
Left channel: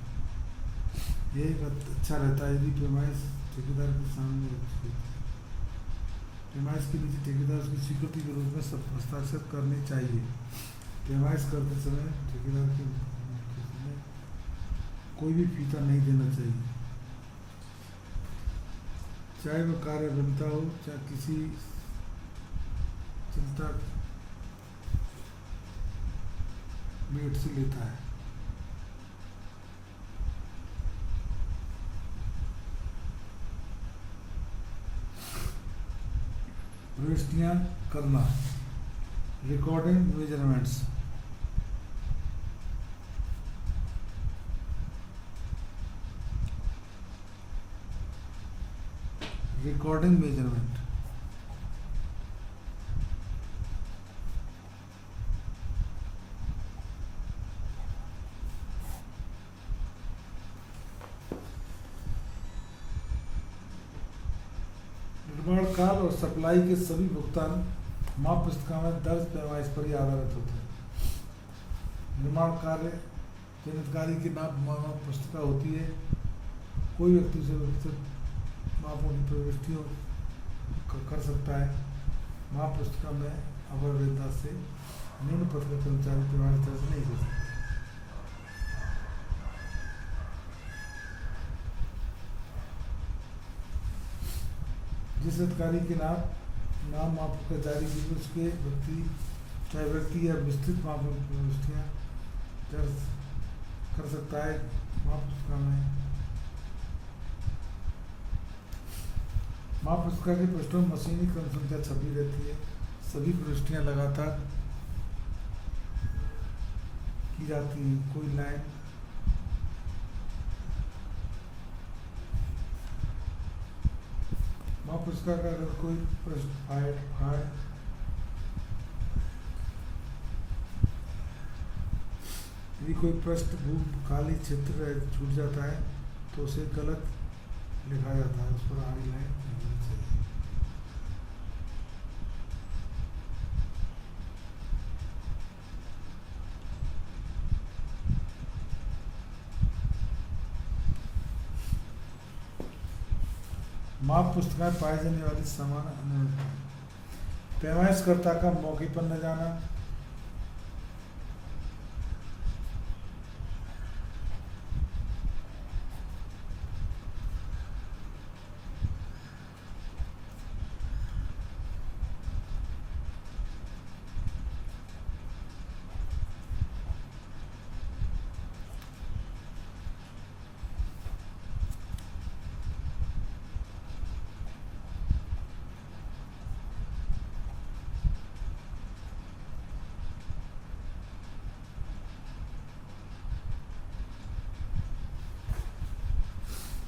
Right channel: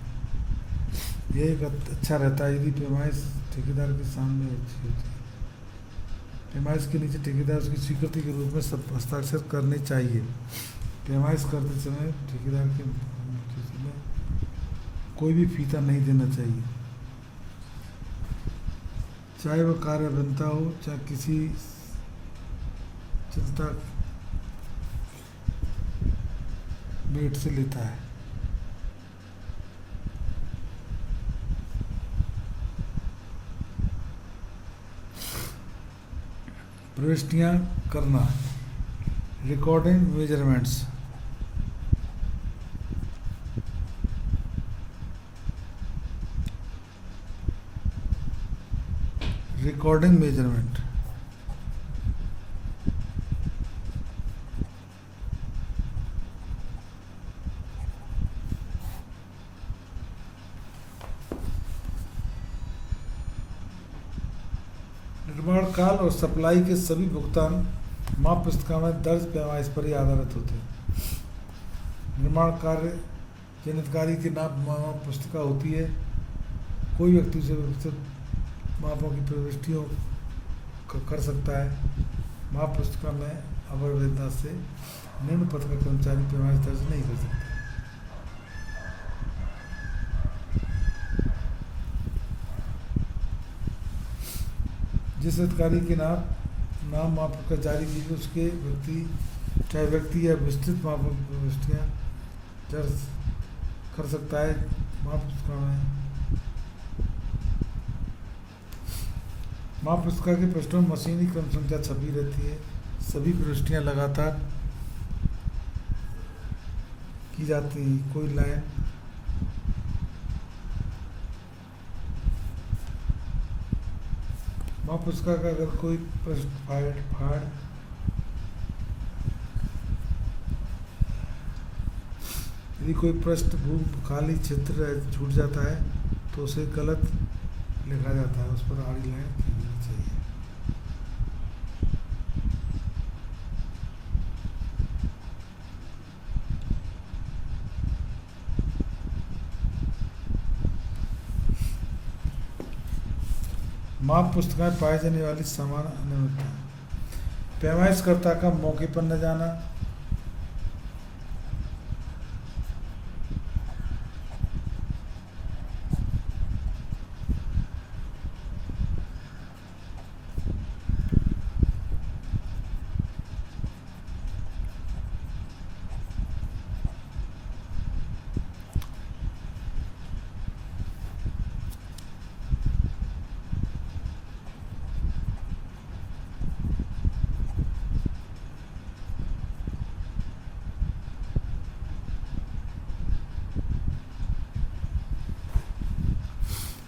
यह एक अच्छा रहता है यदि पैमाइश ठेकेदार के सामने अच्छी होती है। पैमाइश के नीचे ठेकेदार उसकी स्वीकृति के रूप में हस्ताक्षर करने चाहिए। पैमाइश करते समय ठेकेदार के समय कोई भी फीता नहीं देना चाहिए, चाहे वह कार्य अभियंता हो चाहे किसी चिंता मेट से लेता है। प्रविष्टियां करना, रिकॉर्डिंग मेजरमेंट्स, रिकॉर्डिंग मेजरमेंट निर्माण काल और सप्लाई के सभी भुगतान माप पुस्तिका में दर्ज पैमाइश पर ही आधारित होते हैं। निर्माण कार्य जिन अधिकारी की माप पुस्तिका होती है, कोई व्यक्ति से विकसित मापों की प्रविष्टियों कर सकता है। माप पुस्तिका में अवैधता से निम्न पद का कर्मचारी पैमाइश दर्ज नहीं कर सकता। जिस अधिकारी के नाम माप का जारी की उसके चाहे व्यक्ति या विस्तृत माप प्रविष्टियां दर्ज कर सकता है। माप पुस्तिका में माप पुस्तिका के पृष्ठों में मशीनी क्रम संख्या छपी रहती है। सभी प्रविष्टियां लगातार की जाती हैं। कोई लाइन माप पुस्तिका का अगर कोई पृष्ठ फाड़ यदि कोई पृष्ठभूमि खाली क्षेत्र छूट जाता है तो उसे गलत लिखा जाता है, उस पर आड़ी लाइन होनी चाहिए। माप पुस्तिका में पाई जाने वाली समान अनियमितता, पैमाइशकर्ता का मौके पर न जाना,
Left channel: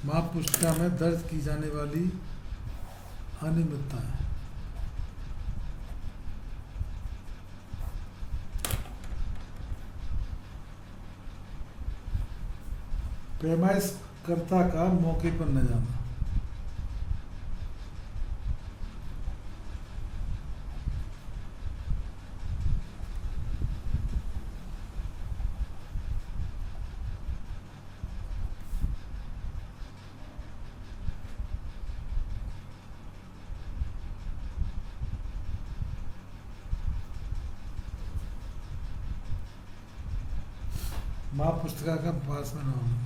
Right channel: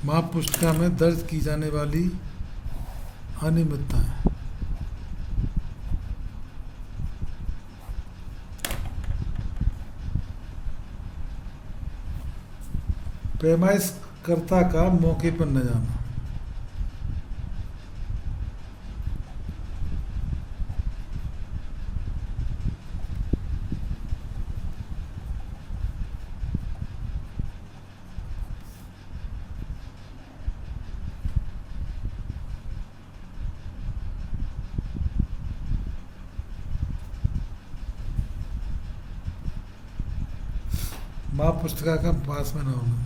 माप पुस्तिका में दर्ज की जाने वाली अनियमितताएं, पैमाइशकर्ता का मौके पर न जाना, माप पुस्तिका का पास में न होना,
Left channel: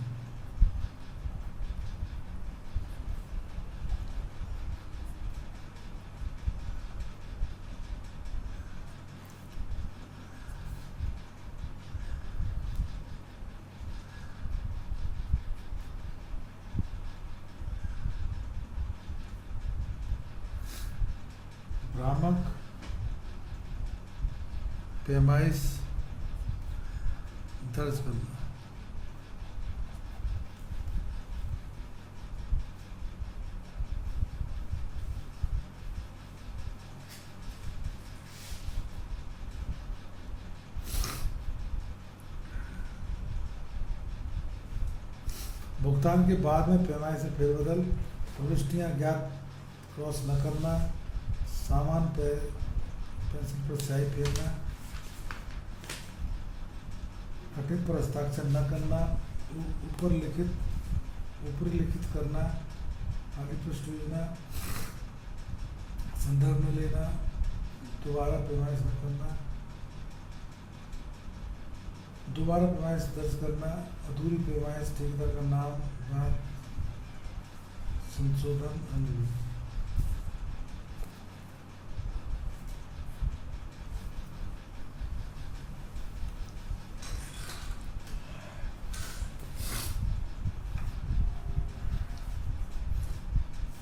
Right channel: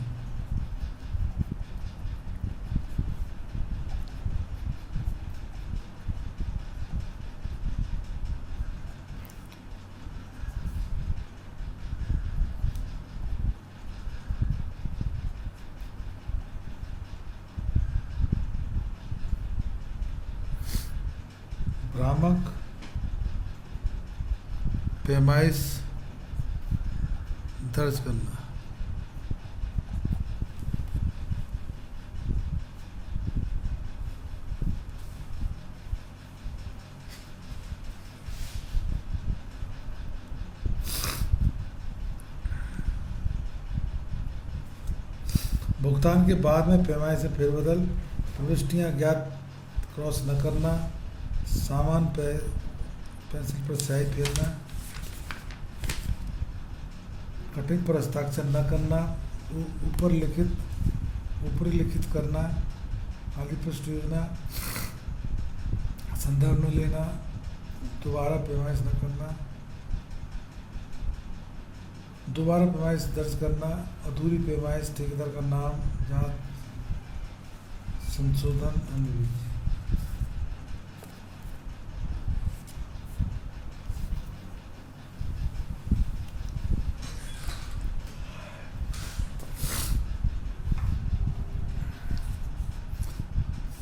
भ्रामक पैमाइश दर्ज करना, भुगतान के बाद में पैमाने से फेरबदल, प्रविष्टियाँ ज्ञात क्रॉस न करना, सामान पे पेंसिल पर स्याही फेरना, कटिंग पर हस्ताक्षर न करना, ऊपरी लिखित करना, आगे पृष्ठ योजना संदर्भ में लेना, दोबारा पैमाइश न करना, दोबारा पैमाइश दर्ज करना, अधूरी पैमाइश, ठेकेदार का नाम, जांच, संशोधन, अनुरोध।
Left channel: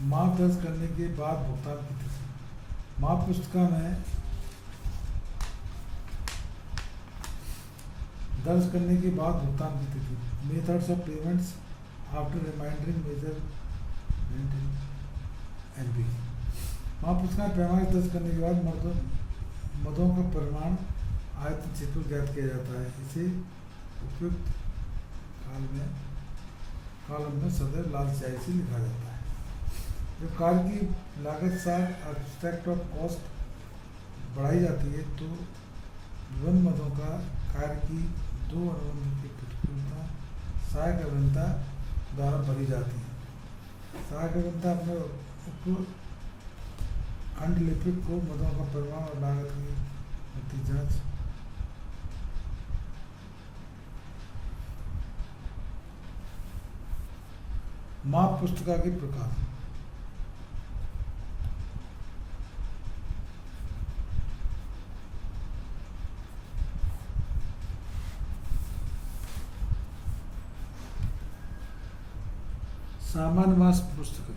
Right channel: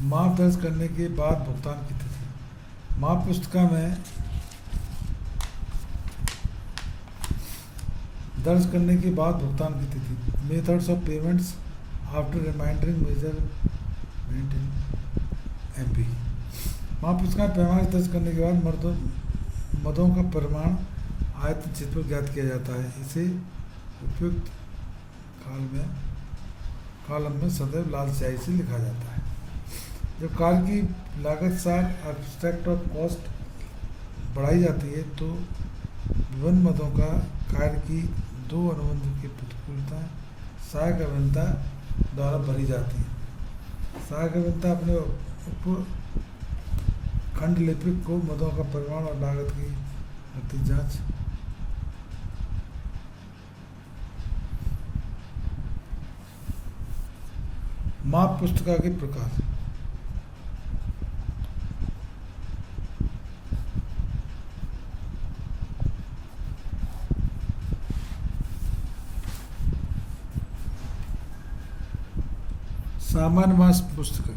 माप दर्ज करने के बाद भुगतान की तिथि। माप पुस्तिका में दर्ज करने के बाद भुगतान की तिथि। Methods of payments after remindering measurement in MP. माप पुस्तिका में पैमाने दर्ज करने के बाद मदों का परिमाण आयतन चित्र पर ज्ञात किया जाता है। इसे उपयुक्त कॉलम में सदैव लाल स्याही से लिखा जाता है। जब कार्य की लागत सार एब्स्ट्रैक्ट ऑफ कॉस्ट बढ़ाई जाती है तो विभिन्न मदों का कार्य की दो अनुबंधों की प्रतिकूलता सहायक अभियंता द्वारा भरी जाती है। सहायक अभियंता अपने उप खंड लिपिक को मदों का परिमाण और लागत की गति जांच माप पुस्तिका के प्रकार। सामान्य मास पुस्तिका।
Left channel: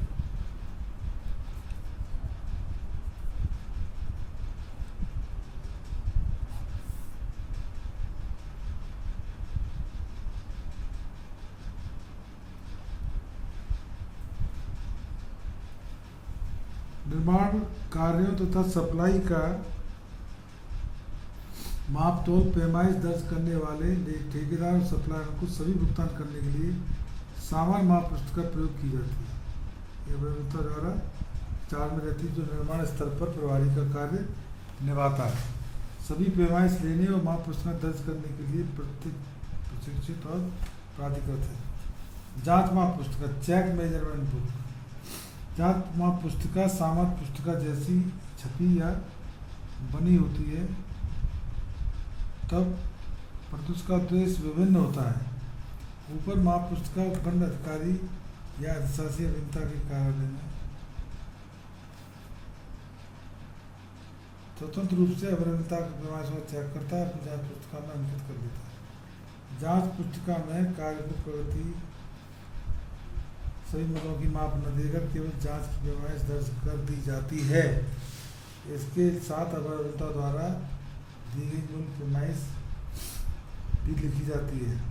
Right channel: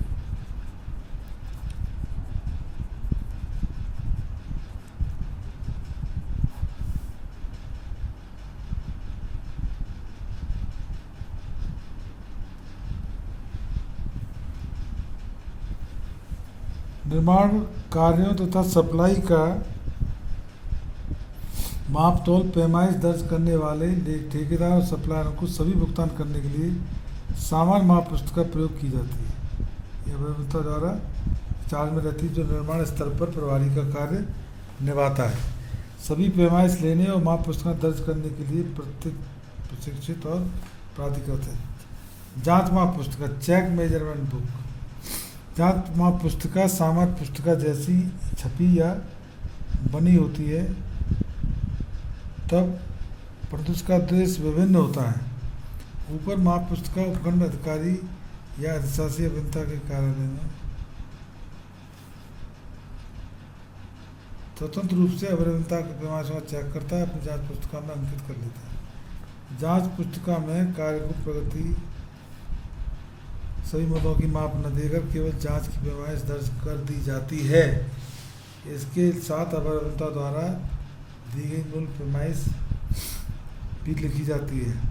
निर्माण कार्यों तथा सप्लाई का माप तौल पैमाइश दर्ज करने वाले ठेकेदार और सप्लायर को सभी भुगतान करने के लिए सामान्य माप पुस्तिका प्रयोग की जाती है। यह अभियंता द्वारा चार्ज में रहती है जो निर्माण स्तर पर प्रभारी का कार्य निभाता है। सभी पैमाइश लेने और माप पुस्तिका दर्ज करने के लिए प्रशिक्षित और प्राधिकृत है। जांच माप पुस्तिका चेक मेजरमेंट बुक। जांच माप पुस्तिका सामान्य पुस्तिका जैसी छपी या बनी होती है, तब परंतु उसका उद्देश्य विभिन्न होता है। ऊपर माप पुस्तिका उपखंड अधिकारी या अधिशासी अभियंता के कार्यालय में स्वतंत्र रूप से अभियंता के पैमाइश का चेक करता है, अपनी जांच पुस्तिका में अंकित कर लेता है। जांच पुस्तिका में कार्य को प्रगति सभी मदों की माप न देकर केवल जांच की पैमाइश दर्ज कर दी जाती है। इसके साथ अभियंता द्वारा दी गई मूल पैमाइश भी लिखी जाती है।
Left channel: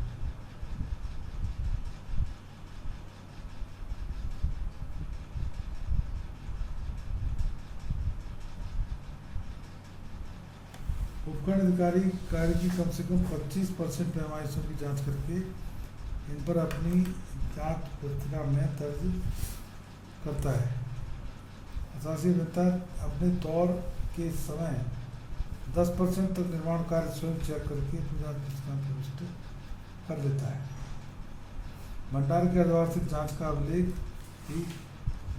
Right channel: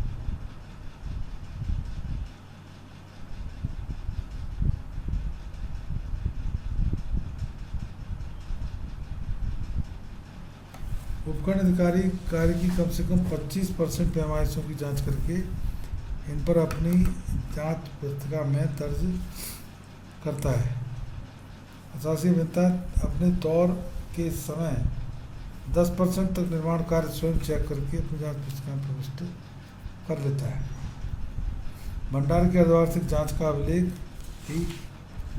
उपखंड अधिकारी कार्य की कम से कम 25% पैमाइशों की जांच करके इन पर अपनी जांच पुस्तिका में दर्ज करता है। अधिशासी अभियंता अपने दौर के समय 10% तक निर्माण कार्य स्वयं चेक करके अपनी जांच पुस्तिका में प्रविष्ट कर लेता है। भंडार के अर्धवार्षिक जांच का अभिलेख भी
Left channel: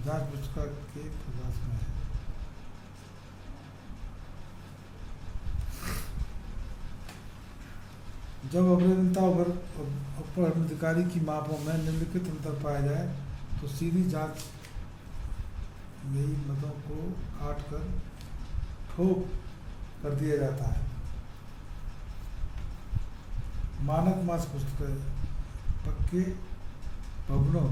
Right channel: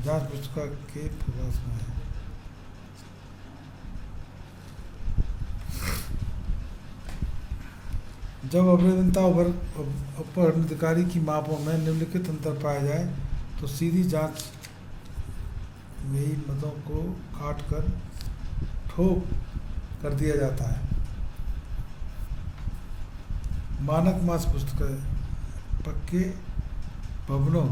जांच पुस्तिका के प्रकाश में है। जब अभियंता उपखंड अधिकारी की मापों में निम्नलिखित अंतर पाया जाए तो सीधी जांच यही मदों को काट कर ठोक कर दिया जाता है। मानक मास पुस्तिका पक्के भवनों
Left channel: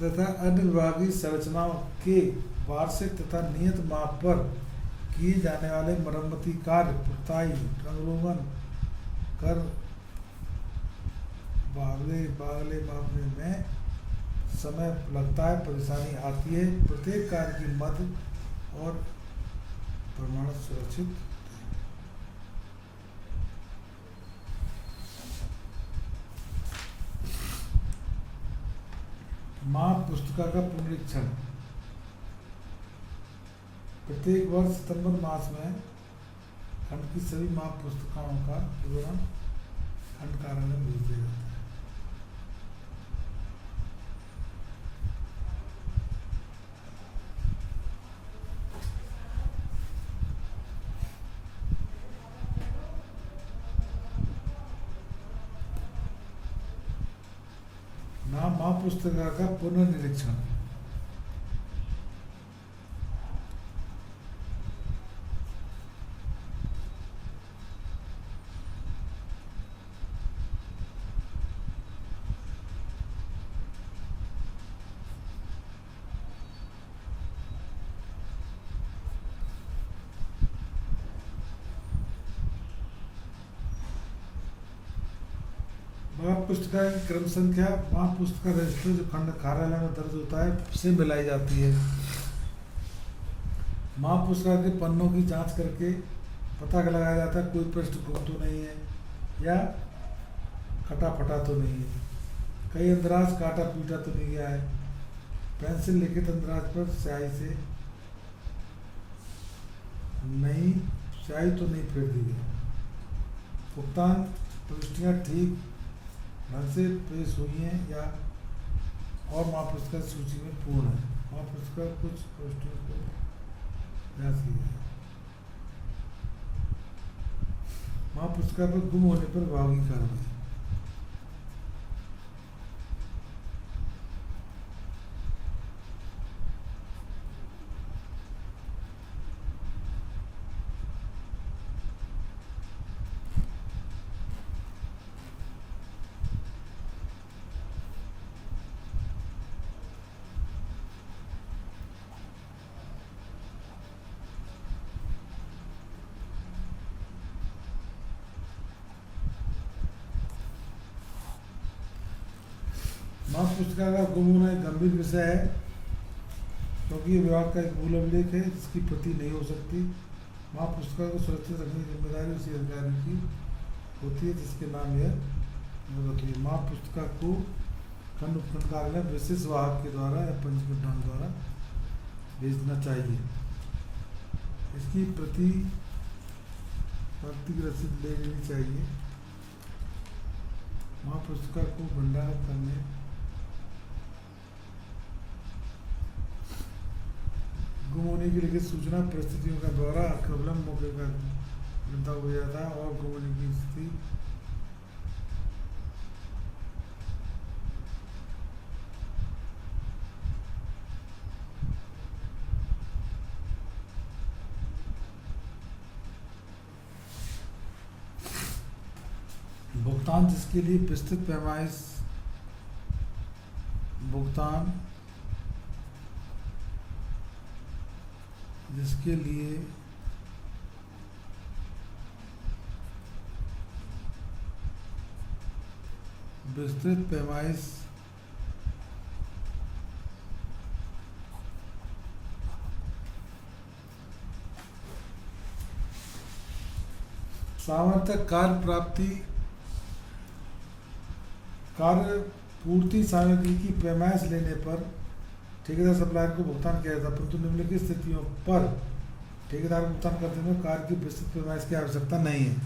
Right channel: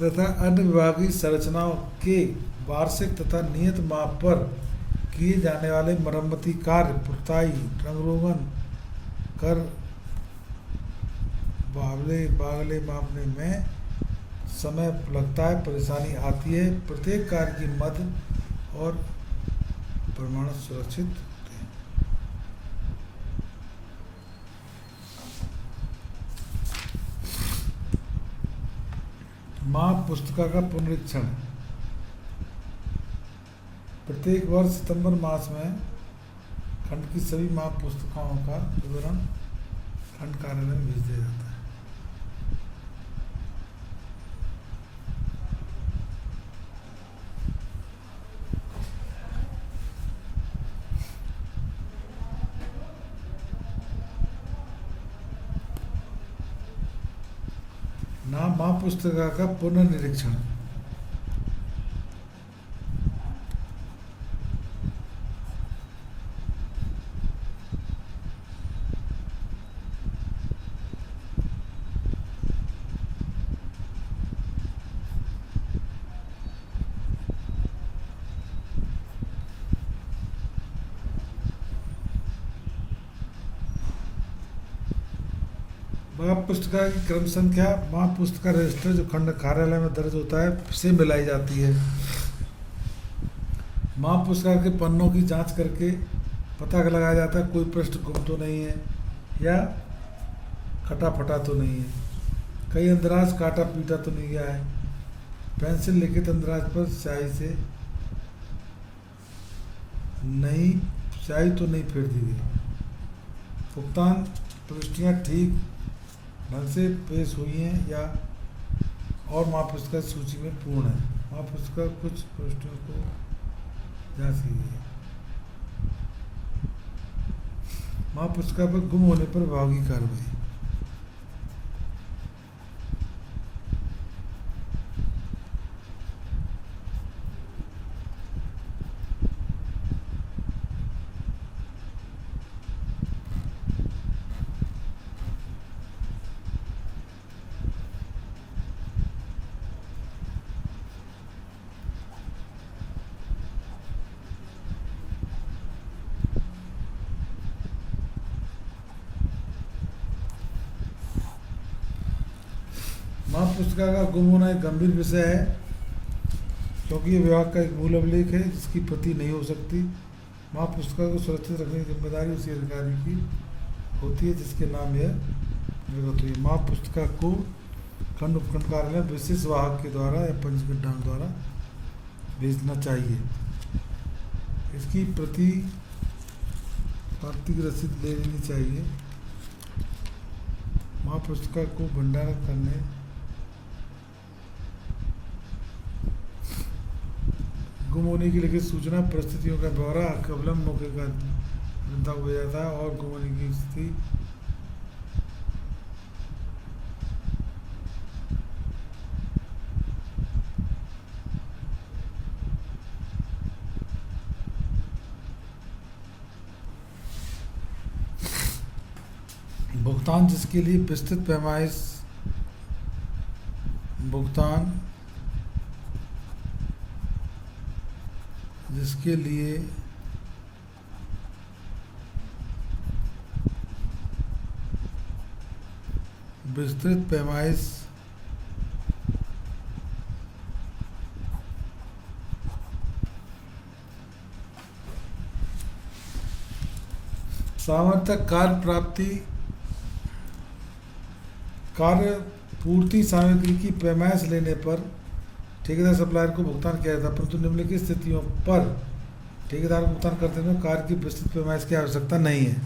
तथा अन्य विभागीय संरचनाओं के वार्षिक तथा नियत माप पर किए जाने वाले मरम्मती कार्य, पुताई, रंग रोगन कर बागले मापने में समय लगता है, परेशानी आती है। प्रत्येक कार्य की मद और प्रमाण सुरक्षित माँ पुस्तिका का पुनरीक्षण। प्रत्येक वर्ष सितंबर मास में खंड की सभी माँ पुस्तिकाओं का विवरण खंड कार्यालय में भेज दिया जाता है। नाम माँ पुस्तिका का पुनर्निरीक्षण। माँ पुस्तिका की क्रम संख्या माँ पुस्तिका रजिस्टर जो खंड कार्यालय में दर्ज होता है से मिलाई जाती है। माँ पुस्तिका के पन्नों की जांच करके पता लगाया जाता है कोई पृष्ठ गुम तो नहीं है या कटा फटा तो नहीं है, कई अंदराज काटा पीटा तो नहीं गया है, पेंसिल लिखित अंदराज पर स्याही से नहीं स्याही तो नहीं फेर दी गई, भुगतान प्रविष्टियाँ ठीक ढंग से पेश हुई हैं या और माँ पुस्तिका सूची में पूर्ण है। माँ पुस्तिका कुछ प्रविष्टियों को जांच की गई है। माँ पुस्तिका पर गुम होने पर विभागीय कार्रवाई। माँ पुस्तिका का गुम होना एक गंभीर विषय है क्योंकि ये विभाग का एक मूल अभिलेख है जिसकी प्रति नहीं हो सकती। माँ पुस्तिका को सुरक्षित रखने की जिम्मेदारी उसी अधिकारी की होती है जिसके नाम यह निर्गत हुई। माँ पुस्तिका को खंड उपखंड कार्यालय विशेष वाहक के द्वारा या पंजीकृत द्वारा भेजना चाहिए। इसकी प्रति पावती की रसीद ले लेनी चाहिए। माँ पुस्तिका को भंडारण करने गुम होने की लिखित सूचना परिस्थितियों का ब्यौरा कबलम मौके का जनता को भेजा जाता है और गुम होने की स्थिति भुगतान जिसके लिए विस्तृत पैमाइश भुगतान जिसके लिए विस्तृत पैमाइश सामर्थ्य कार्य प्राप्ति कार्य पूर्ति सामग्री की पैमाइश लेने पर ठेकेदार सप्लायर को भुगतान किया जाता है, परंतु निम्नलिखित स्थितियों पर ठेकेदार भुगतान करते समय कार्य की विस्तृत पैमाइश की आवश्यकता नहीं है।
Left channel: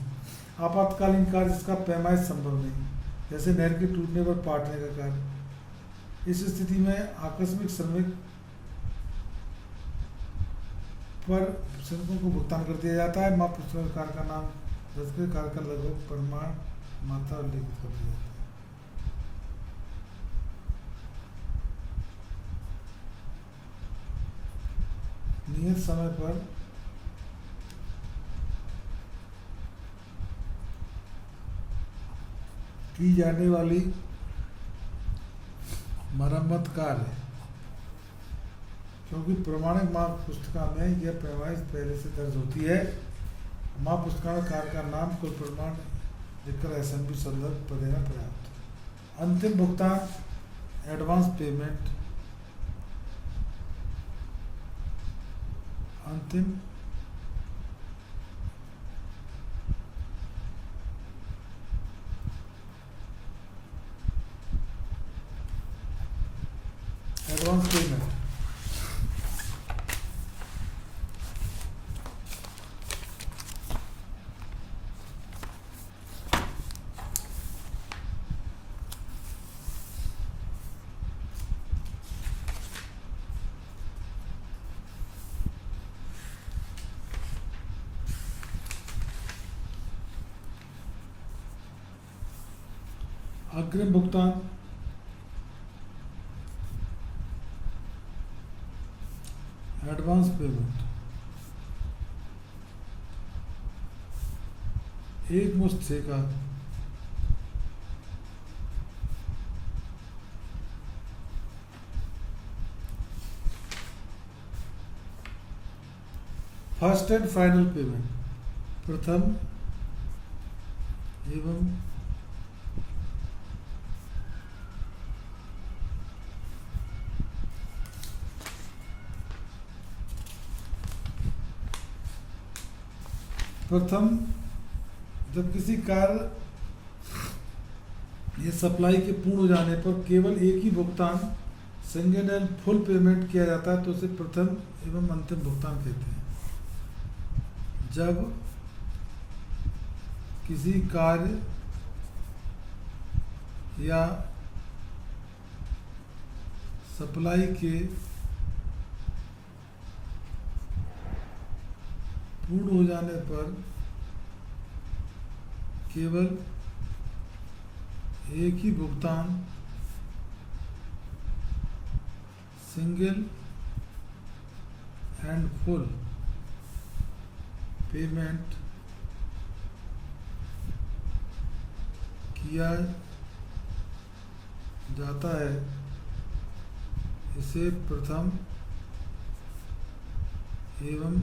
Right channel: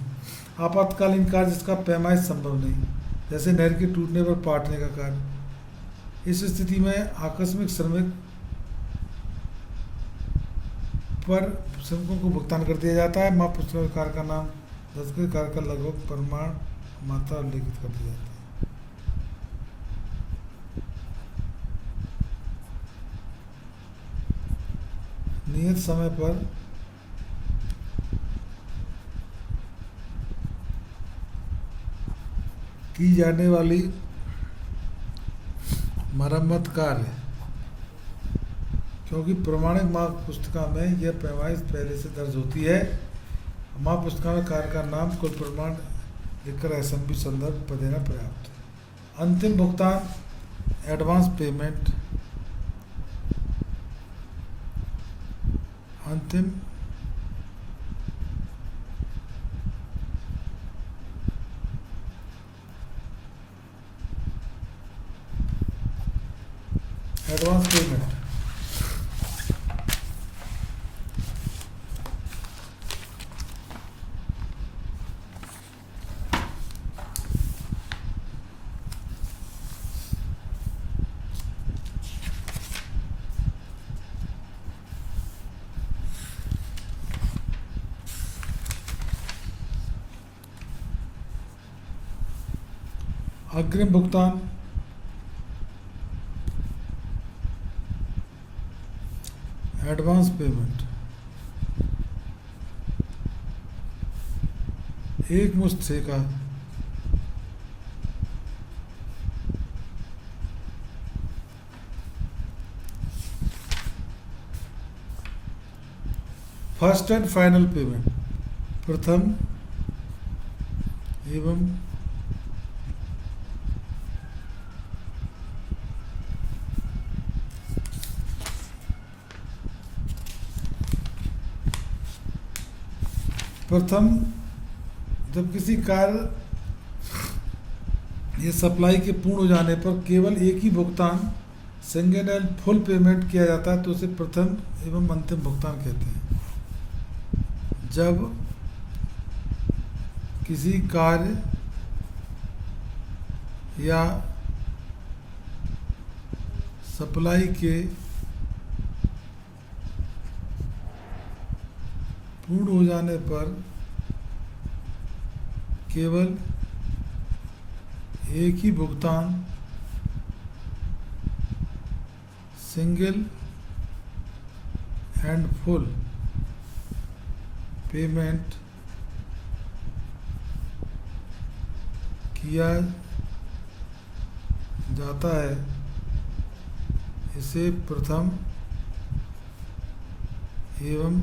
आपातकालीन कार्य जिसका पैमाइश संभव नहीं, जैसे नहर के टूटने पर पाटने का कार्य। इस स्थिति में आकस्मिक श्रमिक पर श्रमिकों को भुगतान कर दिया जाता है। माँ पुस्तिका कार्य का नाम दर्ज कर कार्य का लगभग प्रमाण मात्रा उल्लेखित कर दिया जाता है। नियत समय पर की जाने वाली मरम्मत कार्य, क्योंकि प्रमाणिक माँ पुस्तिका में यह पैमाइश पहले से दर्ज होती है। माँ पुस्तिका में कार्य का नाम कुल प्रमाण लिखकर SMB संदर्भ पर देना पर्याप्त है। अंतिम भुगतान एडवांस पेमेंट अंतिम एडवांस पेमेंट। अग्रिम भुगतान, एडवांस पेमेंट। एक मुश्त ठेका, फर्स्ट एंड फाइनल पेमेंट, प्रथम एवं प्रथम, जब किसी कार्य या सप्लाई के पूर्ण हो जाने पर केवल एक ही भुगतान सिंगल एंड फुल पेमेंट किया जाता है तो उसे प्रथम एवं अंतिम भुगतान कहते हैं। जब किसी कार्य या सप्लाई के पूर्ण हो जाने पर केवल एक ही भुगतान सिंगल एंड फुल पेमेंट किया जाता है, इसे प्रथम एवं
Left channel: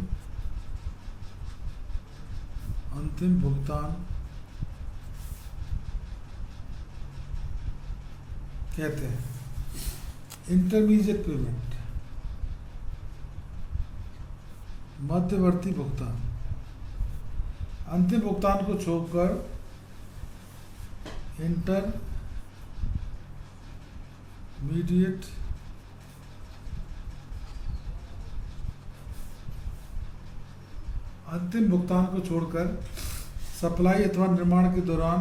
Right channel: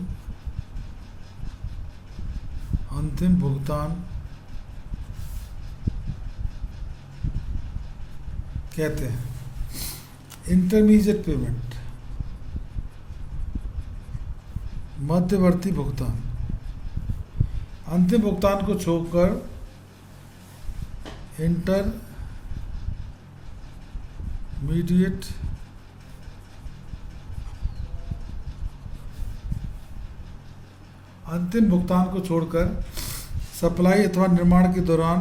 अंतिम भुगतान कहते हैं। इंटरमीडिएट पेमेंट, मध्यवर्ती भुगतान। अंतिम भुगतान को छोड़कर अंतिम भुगतान को छोड़कर सप्लाई अथवा निर्माण के दौरान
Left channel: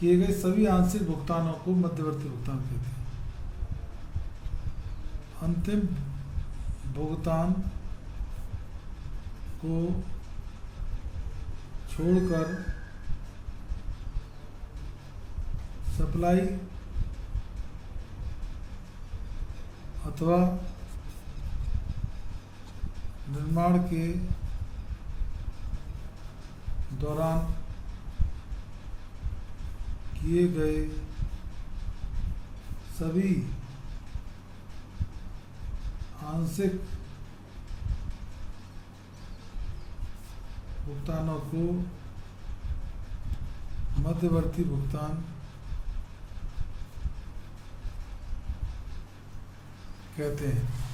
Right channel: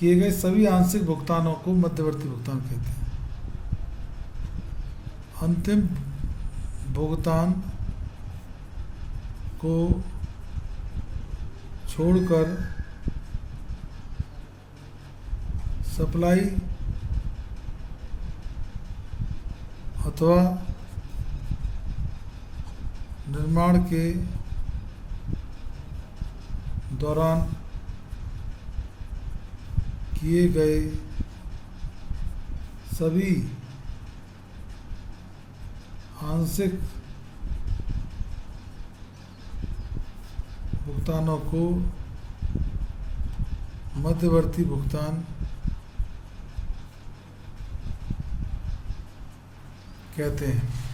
किए गए सभी आंशिक भुगतानों को मध्यवर्ती भुगतान कहते हैं। अंतिम भुगतान को छोड़कर सप्लाई अथवा निर्माण के दौरान किए गए सभी आंशिक भुगतानों को मध्यवर्ती भुगतान कहते हैं।